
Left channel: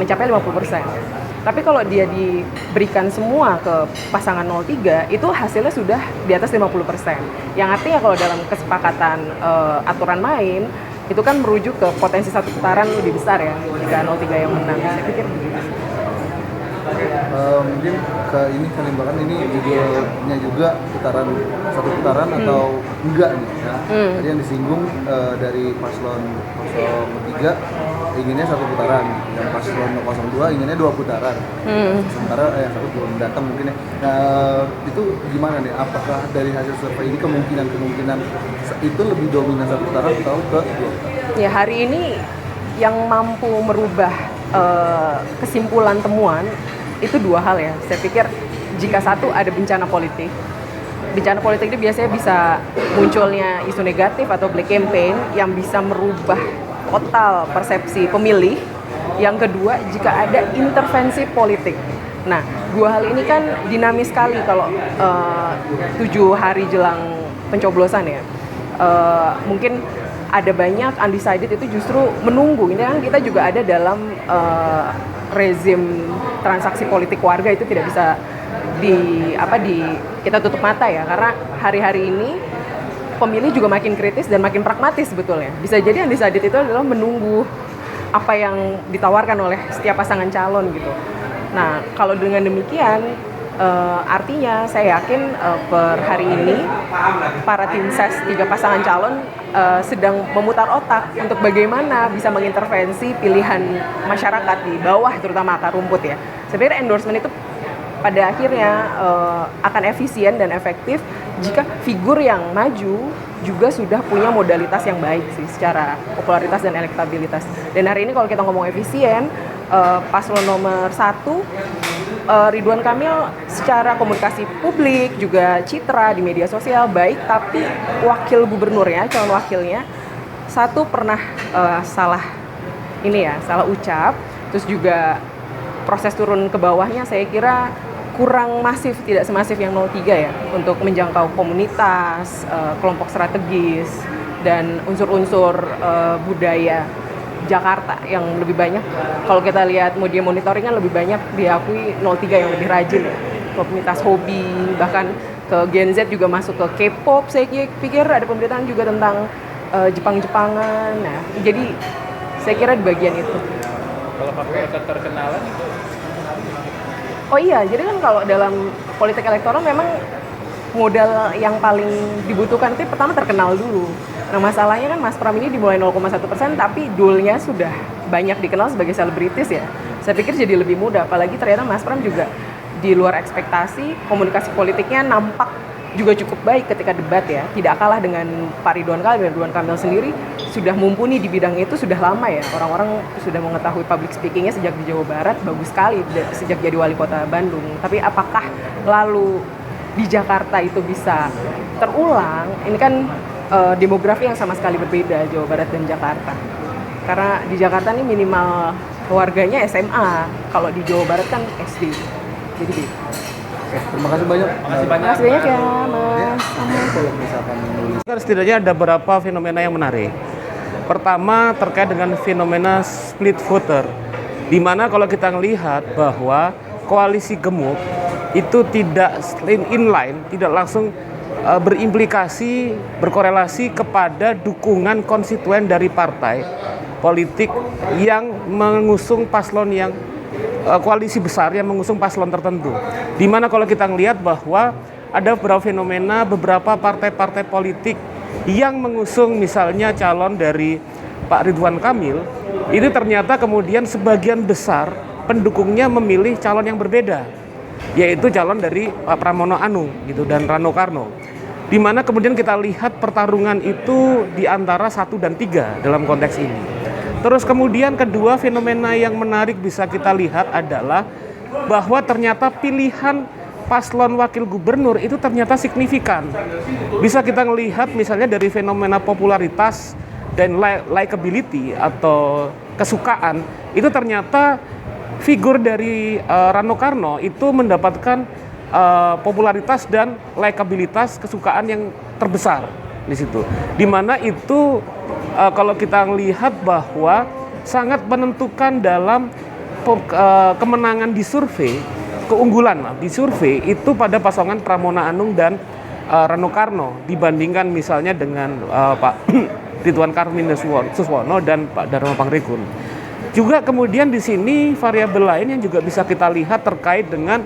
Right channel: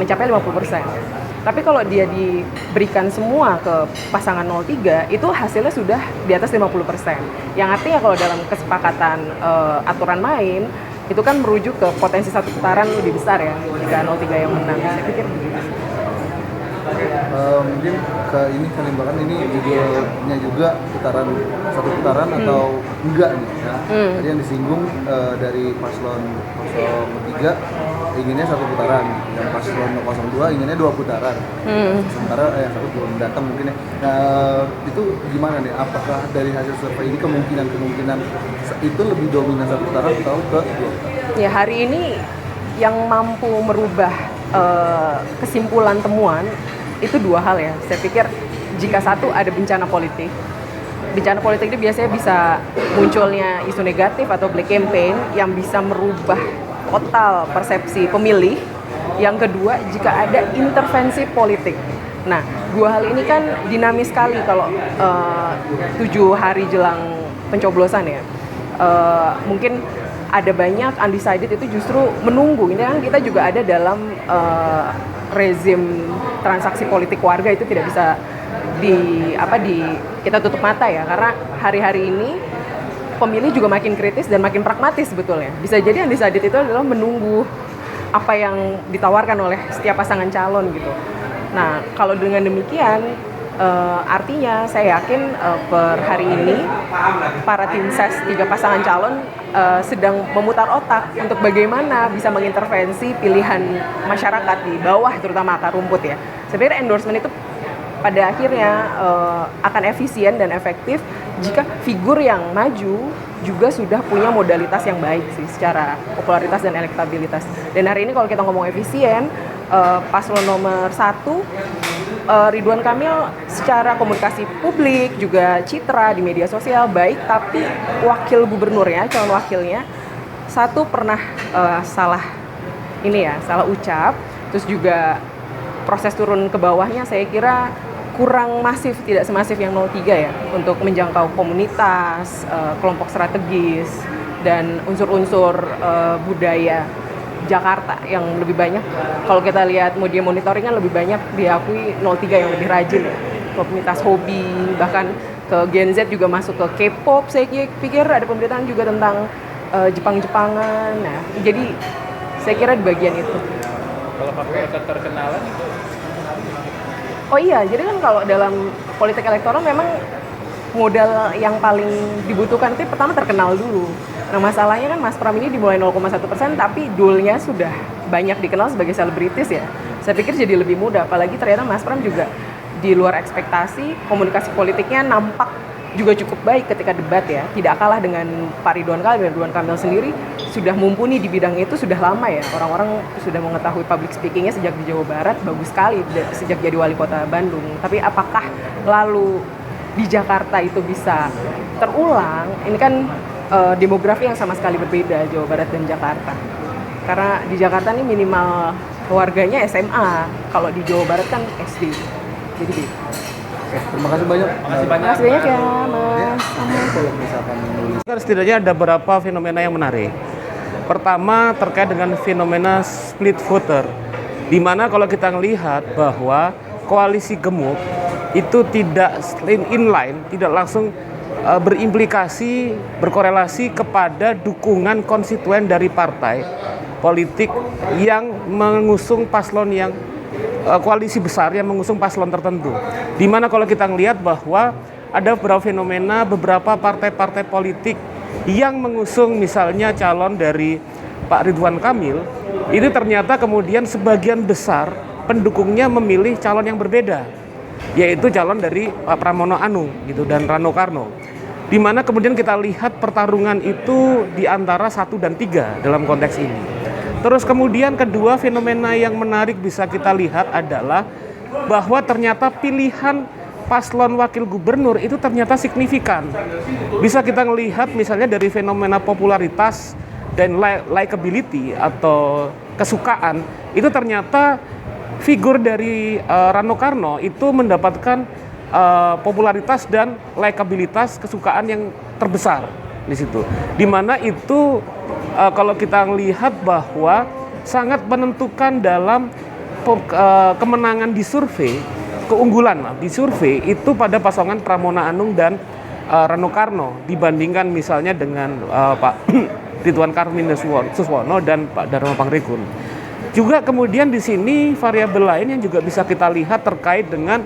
mencapai 50%. Tapi kalau dia diberikan semua ke pasangan 03, itu hasilnya sudah di atas 50%. Yang artinya kalau dalam kesepakatan aturan main, itu kan merujuk ke potensi satu putaran lebih besar ya, jika 03 yang menang. Saya pikir begitu. Mungkin ke ini kelimbangan ini judulnya juga satu putaran atau enggak nih ya. Tadi yang disinggung dari paslon 03 inginnya satu putaran, dan paslon 02 inginnya 2 putaran. Sementara yang satu belum datang mungkin ya. Nah, itu gimana nih? Apakah dari hasil survei ini kemungkinan itu lebih dominan satu putaran atau ke 2? Ya, hari ini yang mampu merubah kesimpulan temuan itu 2 hal ya. Saya pikir jika satu ada bencana politik itu biasanya bisa munculnya isu negatif atau black campaign yang bisa merubah total persepsi pemilih. Yang kedua, jika ada intervensi politik. Nah, 2 hal ini kan dinamis sekali kalau 7 hari jelang pencoblosan ya. Mungkin ada banyak undecided itu justru menunggu. Ini kan kita juga ada dalam rezim transaksi politik warga, itu tidak bisa kita tutup mata ya, karena hari-hari ini pemilih juga makin kritis dan makin pragmatis sebetulnya. Bisa jadi undecided itu adalah menunggu apa yang ditawarkan oleh setiap pasangan calon gitu. Nah, kalau dengan demikian artinya saya yakin per hari ini para tim ses 3 pasangan calon sedang memutar otak untuk bagaimana bisa mengintervensi pilihan masyarakat di bawah, terutama akar rumput ya. Sebenarnya endorsement itu pada akhirnya akan efisien dan efektif jika figur yang maju juga sudah punya modalitas yang baik sih secara popularitas dan elektabilitas. Dan hari ini kalau kita ngomong efisien, paslon nomor 1 Ridwan Kamil secara komunikasi publik juga citra di media sosial baik, tapi wakil gubernurnya, calon wakilnya satu pernah salah ucap, terus juga proses turun ke bawahnya saya kira kurang masif, tidak semasif yang 03 ya, untuk menjangkau komunitas, kelompok strategis dan unsur-unsur budaya Jakarta yang lebih banyak. Kalau kita lihat media monitoring kan lebih banyak diakui 03 yang lebih rajin ya. Komunitas hobi, bahkan ke Gen Z juga masuk ke K-pop. Saya pikir ada pemberitaan juga tentang Jepang-Jepangan. Nah, jadi saya kira di bagian itu. Kalau faktor keterkenalan itu? Oh iya, jadi kan kalau dalam politik elektoral memang modal yang paling dibutuhkan itu pertama terkenal dulu. Nah, masalahnya kan Mas Pram ini dimulai 0,1%, tapi dulnya sudah banyak dikenal sebagai selebritis ya. Saya pikir jadi lebih mudah, apalagi ternyata Mas Pram juga di luar ekspektasi, komunikasi politiknya nampak juga cukup baik ketika debat ya. Tidak kalah dengan Pak Ridwan Kamil. Ridwan Kamil sendiri sudah mumpuni di bidang itu sudah lama ya. Orang-orang sudah mengetahui public speakingnya sejak di Jawa Barat, bagus sekali sejak jadi wali kota Bandung. Tapi apakah lalu di Jakarta itu bisa terulang? Ini kan demografi yang sama sekali berbeda, Jawa Barat dan Jakarta. Karena di Jakarta ini minimal warganya SMA, kalau di Jawa Barat kan SD. Jadi gitu. Terima kasih banyak. Terima kasih banyak ya, Mas. Kalau misalkan menulis. Setidaknya ada beberapa fenomena yang menarik. Pertama terkait dengan fenomena split voter, di mana kalau kita melihat bahwa koalisi gemuk itu tidak inline, tidak langsung berimplikasi, berkorelasi kepada dukungan konstituen dari partai politik yang mengusung paslon yang koalisi besar yang mengusung paslon tertentu. Di mana kalau kita melihat bahwa ada beberapa fenomena beberapa partai-partai politik yang mengusung misalnya calon dari Pak Ridwan Kamil, itu ternyata kemudian sebagian besar pendukungnya memilih calon yang berbeda, yaitu calon dari Pak Pramono Anung gitu dan Rano Karno. Di mana kemudian kita lihat pertarungan itu di antara 1 dan 3 dalam konteks ini. Terus kemudian kedua fenomena yang menarik bisa kita lihat adalah bahwa ternyata pilihan paslon wakil gubernur itu ternyata signifikan. Bisa kita melihat misalnya dari fenomena popularitas dan likability atau kesukaan, itu ternyata figur dari Rano Karno itu mendapatkan popularitas dan likabilitas kesukaan yang terbesar di situ. Di mana itu kalau kita melihat bahwa sangat menentukan dalam kemenangan di survei, keunggulan di survei itu pada pasangan Pramona Anung dan Rano Karno dibandingkan misalnya dengan Pak Ridwan Kamil Suswono dan Pak Dharma Pangrekun. Juga kemudian di sini variabel lain yang juga bisa kita lihat terkait dengan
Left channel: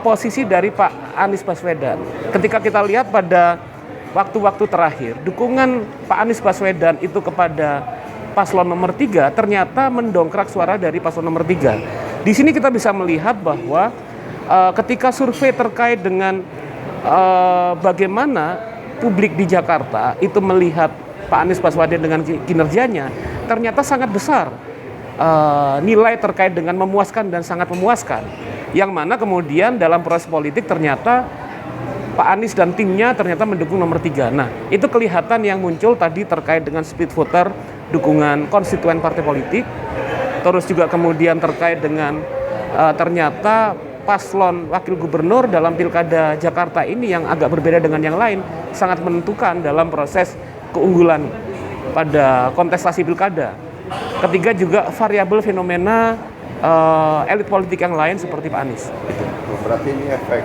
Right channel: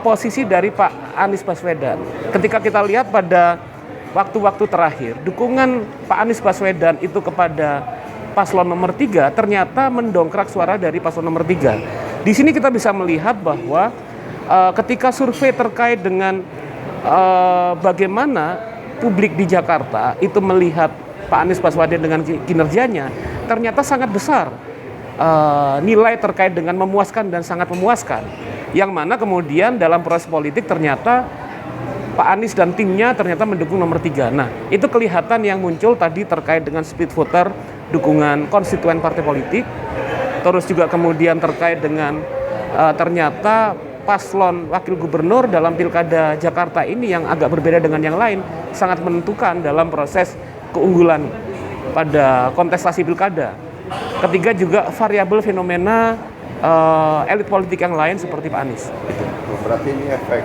posisi dari Pak Anies Baswedan. Ketika kita lihat pada waktu-waktu terakhir, dukungan Pak Anies Baswedan itu kepada paslon nomor 3 ternyata mendongkrak suara dari paslon nomor 3. Di sini kita bisa melihat bahwa ketika survei terkait dengan bagaimana publik di Jakarta itu melihat Pak Anies Baswedan dengan kinerjanya, ternyata sangat besar nilai terkait dengan memuaskan dan sangat memuaskan. Yang mana kemudian dalam proses politik ternyata Pak Anies dan timnya ternyata mendukung nomor 3. Nah, itu kelihatan yang muncul tadi terkait dengan split voter, dukungan konstituen partai politik, terus juga kemudian terkait dengan ternyata paslon wakil gubernur dalam pilkada Jakarta ini yang agak berbeda dengan yang lain, sangat menentukan dalam proses keunggulan pada kontestasi pilkada. Ketiga juga variabel fenomena elit politik yang lain seperti Pak Anies. Berarti ini efek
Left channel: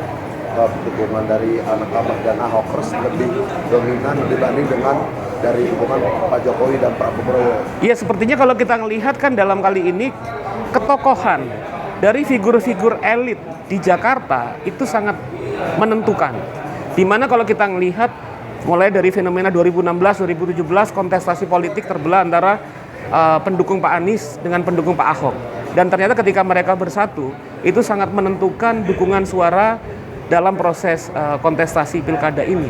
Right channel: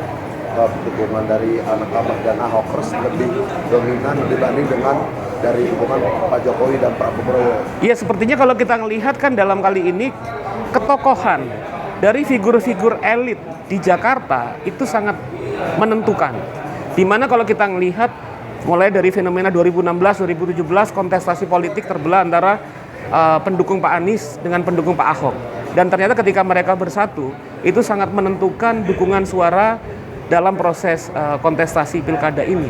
dukungan dari anak Abah dan Ahokers lebih dominan dibanding dengan dari dukungan Pak Jokowi dan Pak Prabowo. Iya, sepertinya kalau kita melihat kan dalam kali ini ketokohan dari figur-figur elit di Jakarta itu sangat menentukan. Dimana kalau kita melihat mulai dari fenomena 2016-2017 kontestasi politik terbelah antara pendukung Pak Anies dengan pendukung Pak Ahok. Dan ternyata ketika mereka bersatu itu sangat menentukan dukungan suara dalam proses kontestasi pilkada ini.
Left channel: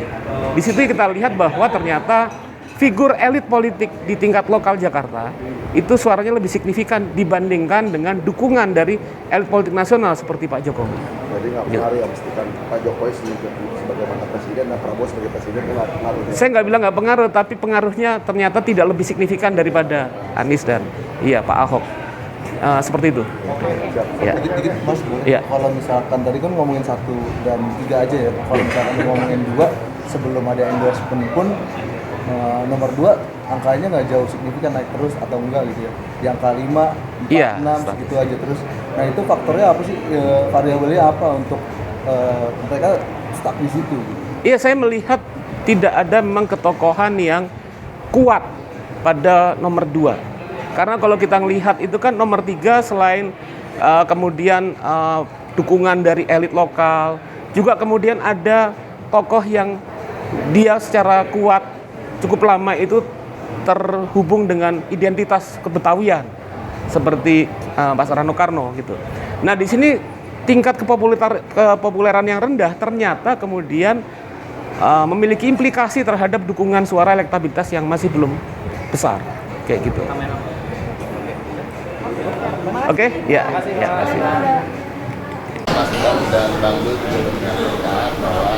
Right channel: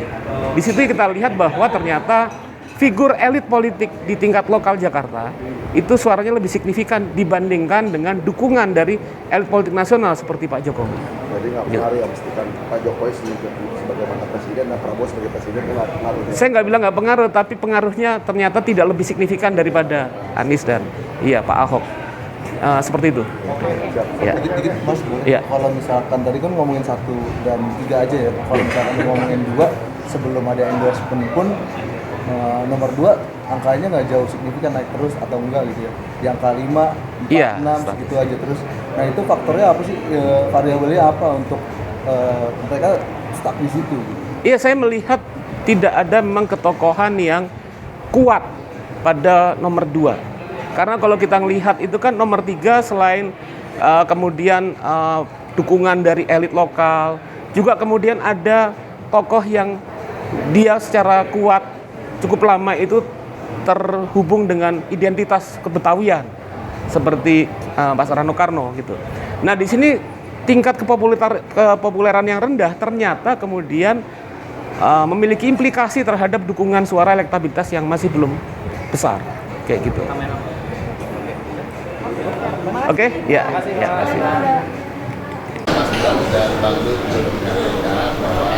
Di situ kita lihat bahwa ternyata figur elit politik di tingkat lokal Jakarta itu suaranya lebih signifikan dibandingkan dengan dukungan dari elit politik nasional seperti Pak Jokowi. Jadi nggak pengaruh ya, mestikan Pak Jokowi sebagai mantan presiden dan Prabowo sebagai presiden nggak pengaruh. Saya nggak bilang nggak pengaruh, tapi pengaruhnya ternyata tidak lebih signifikan daripada Anies dan Pak Ahok. Seperti itu. Ya. Dikit Mas, ya. Kalau misalkan tadi kan ngomongin 1 dan 3 aja ya. Kalau misalkan ngomongin 2 sebelum ada endorsement pun nomor 2 angkanya nggak jauh signifikan naik terus atau enggak gitu ya. Di angka 5, 4, 6 segitu aja terus. Nah itu faktornya apa sih? Variabelnya apa untuk mereka stuck di situ? Iya, saya melihat tidak ada memang ketokohan yang kuat pada nomor 2. Karena kalau kita melihat itu kan nomor 3 selain kemudian dukungan dari elit lokal, juga kemudian ada tokoh yang dia secara kuat cukup lama itu terhubung dengan identitas kebetawian seperti Pak Rano Karno gitu. Nah di sini tingkat kepopuleran yang rendah ternyata kemudian memiliki implikasi terhadap dukungan suara elektabilitas yang masih belum besar kayak gitu. Oke, ya, kasih. Mas dan Bang Dut juga menyampaikan bahwa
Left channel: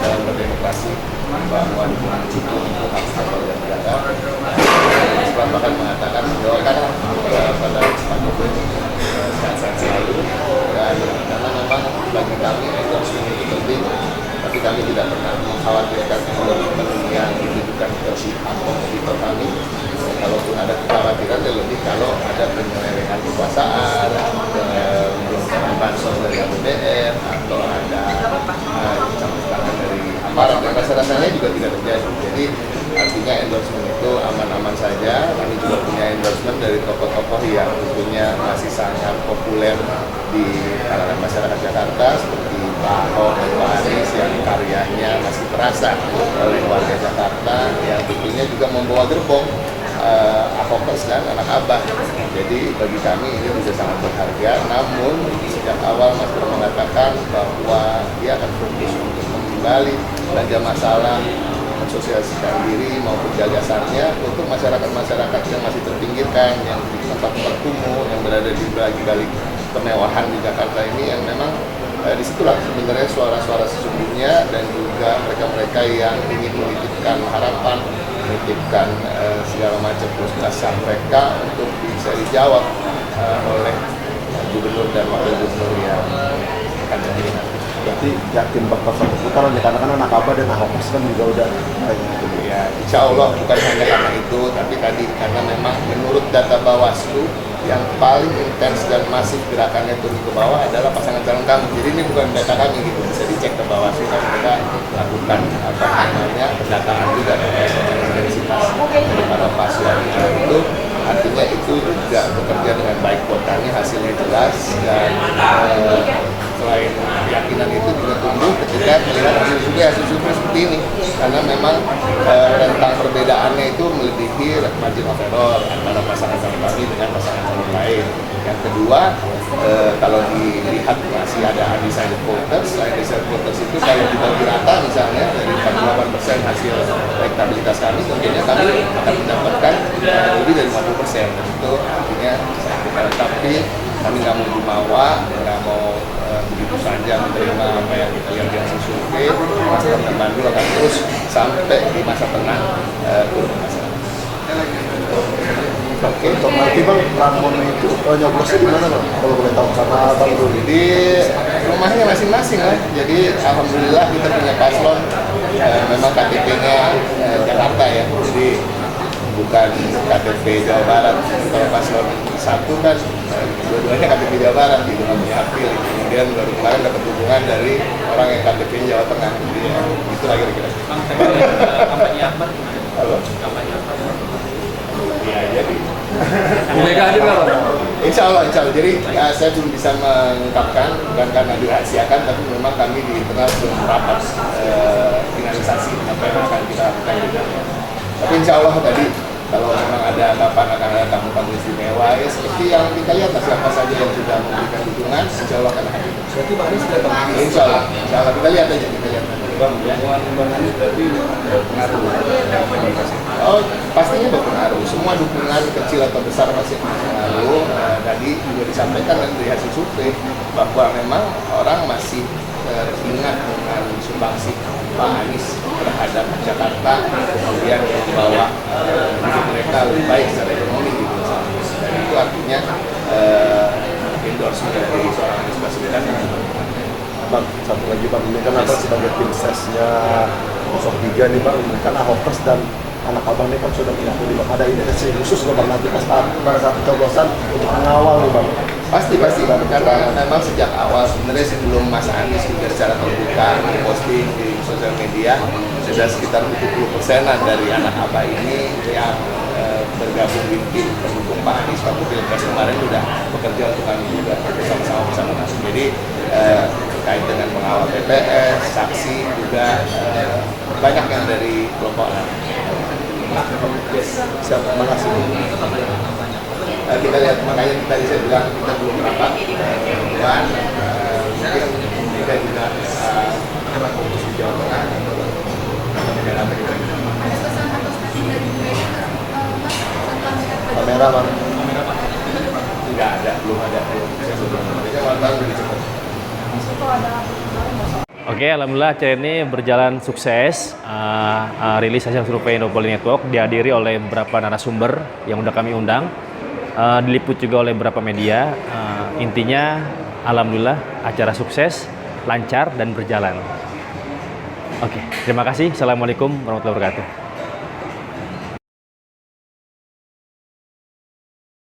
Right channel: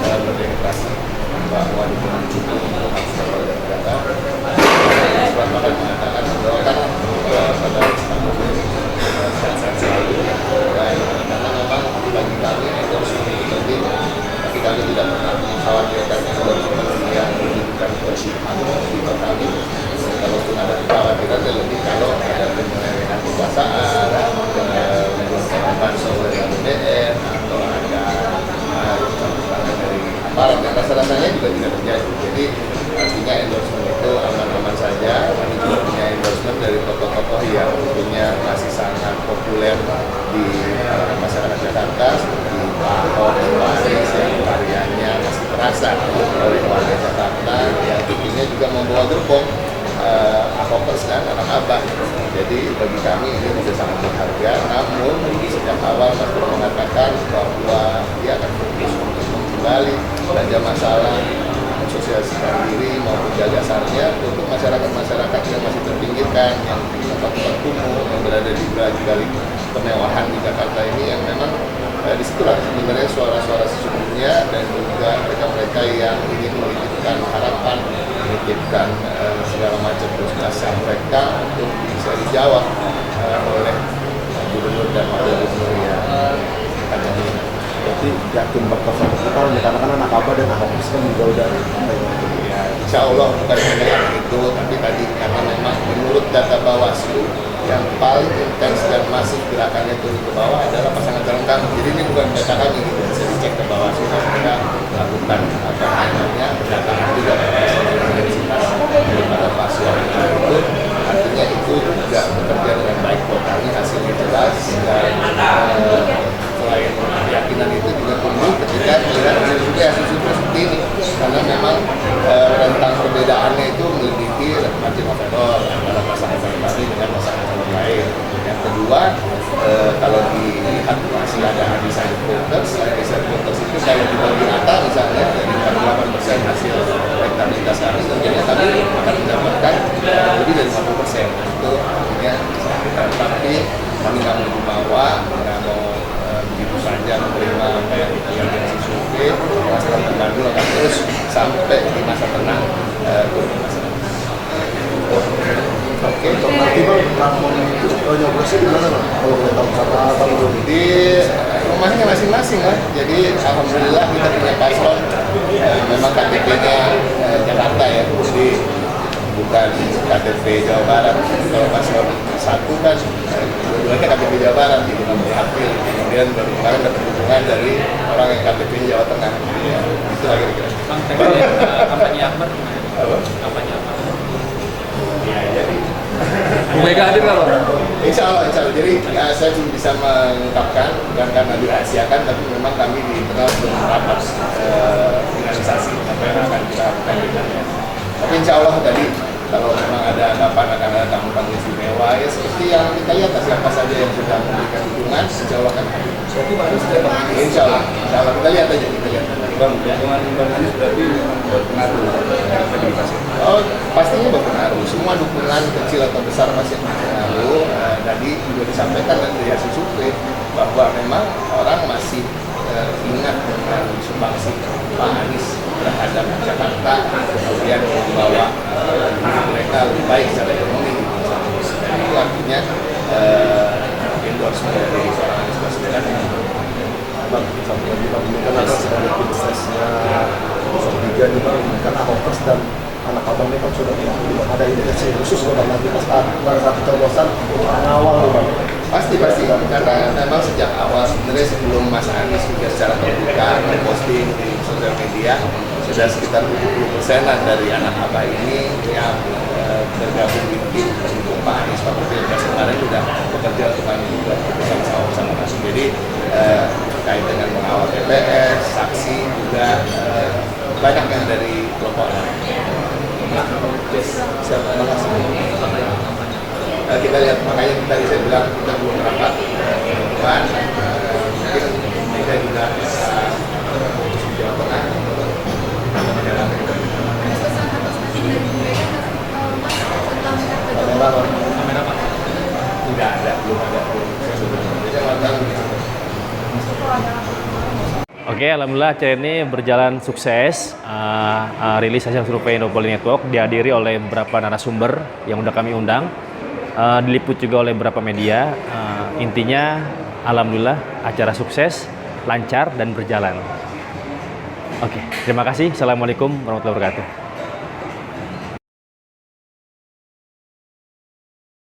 dalam berdemokrasi bahwa dukungan itu untuk hak warga negara. Sebab bahkan mengatakan bahwa kan pada kesempatan sehat selalu dan karena memang bagi kami endorsement itu penting, tapi kami tidak pernah mengkhawatirkan endorsement yang ditujukan ke si kami. Kalaupun ada kekhawatiran lebih kalau ada penyelewengan kekuasaan, menggunakan bansos dari APBN atau ada tangan dari aparat, dan rasa-rasanya juga tidak terjadi. Jadi artinya endorsement itu aman-aman saja. Kami juga punya endorsement dari tokoh-tokoh yang tentunya masih sangat populer di kalangan masyarakat Jakarta seperti Pak Ahok dan Pak Anies yang karyanya masih terasa oleh warga Jakarta, yang tentunya juga membawa gerbong Ahokers kan, anak Abah. Jadi bagi kami ini sudah sangat berharga. Namun sejak awal Mas Bro mengatakan bahwa dia akan fokus untuk kembali belanja masalah, mensosialisasikan diri maupun gagasannya untuk masyarakat-masyarakat yang masih terpinggirkan, yang di tempat-tempat kumuh, yang berada di balik kemewahan di Jakarta ini, yang memang disitulah sebenarnya suara-suara sesungguhnya, dan juga mereka-mereka yang ingin menitipkan harapan, menitipkan segala macam frustrasi mereka untuk bisa dijawab oleh gubernur dan wakil gubernur yang akan datang. Berarti yakin bakal satu putaran ya, karena kan anak Abah dan Ahok kan juga udah ya, insya Allah bukan hanya karena itu, tapi tadi karena memang menurut data Bawaslu yang paling intens dan masif gerakannya turun ke bawah adalah pasangan calon kami. Jadi ini bukan data kami gitu, bisa dicek ke bawah sih, mereka lakukan pendataan juga intensitas daripada paslon itu. Artinya itu juga bekerja dengan baik buat kami, hasilnya jelas, dan selain keyakinan itu juga tumbuh ketika melihat hasil juga seperti ini, karena memang rentang perbedaannya itu melebihi margin of error antara pasangan calon kami dengan pasangan calon lain. Yang kedua, kalau dilihat masih ada undecided voters, undecided voters itu kalau dibagi rata misalnya dari 48% hasil elektabilitas kami, tentunya kami akan mendapatkan lebih dari 50%. Itu artinya, tapi kami nggak mau jumawa, nggak mau begitu saja menerima apa yang kita lihat di survei. Masyarakat Bandung akan terus sampai di masa tenang turun ke masyarakat. Oke, untuk nanti Bang, Ramon itu nyoblosnya gimana Bang? Kalau boleh tahu sama Bang dulu. Di rumahnya masing-masing lah. Jadi alhamdulillah kita punya paslon memang KTP-nya Jakarta ya. Jadi bukan KTP Jawa Barat. Kalau paslon satu kan dua-duanya KTP Jawa Barat gitu, diambil. Kemudian baru kemarin dapat dukungan dari orang yang KTP Jawa Tengah. Ya, itulah kira-kira. Bang, kampanye Ahmad gimana? Kampanye Ahmad. Ya, jadi Bu Mega hadir nggak Bang? Insya Allah. Jadi saya belum bisa mengungkapkan, bukan karena dirahasiakan, tapi memang kami di internal belum rapat finalisasi apa yang akan kita lakukan di dalamnya. Tapi insya Allah tadi kalau memang ada kapan akan ada tamu-tamu istimewa ya seperti yang kita lihat siapa saja yang sudah memberikan dukungan, insya Allah akan hadir. Berarti Bang Anies sudah Insya Allah kita lihat aja, Bang, dukungan Bang Anies berarti berpengaruh yang mobilisasi. Oh, pastinya berpengaruh. Semua dukungan kecil atau besar pasti berpengaruh. Tadi juga disampaikan dari hasil survei bahwa memang orang masih ingat dengan sumbangsi Pak Anies terhadap Jakarta, kemudian membawa hidup mereka lebih baik secara ekonomi gitu. Dan itu artinya endorsement dari seorang Anies Baswedan. Bang, satu lagi Bang, ini kan ada sebagai tim sesnya 03 nih Bang, ini kan Ahokers dan anak abang ini kan sudah mengakui Bang, ada intensi khusus Bang nanti pas pada saat pencoblosan untuk mengawal nih Bang. Pasti, karena memang sejak awal sebenarnya sebelum Mas Anies juga secara terbuka posting di sosial media, sudah sekitar 70%-an dari anak abah ini yang bergabung di tim pendukung Pak Anies waktu Pilpres kemarin sudah bekerja untuk kami juga bersama-sama bersama Mas. Jadi terkait dengan mengawal TPS, saksi juga banyak yang dari kelompok anak. Siap, terima kasih. Kita lihat, makanya tadi saya bilang kita belum rapat dengan mungkin mereka juga fokus di Jawa Tengah Kamera Bang. tidak ada, belum ada. Saya wartawan begitu. Oke, alhamdulillah acara ini berjalan sukses. Rilis hasil survei Indopolling Network dihadiri oleh beberapa narasumber yang udah kami undang. Diliput juga oleh beberapa media. Intinya alhamdulillah acara sukses, lancar dan berjalan. Oke, terima kasih. Assalamualaikum warahmatullahi wabarakatuh.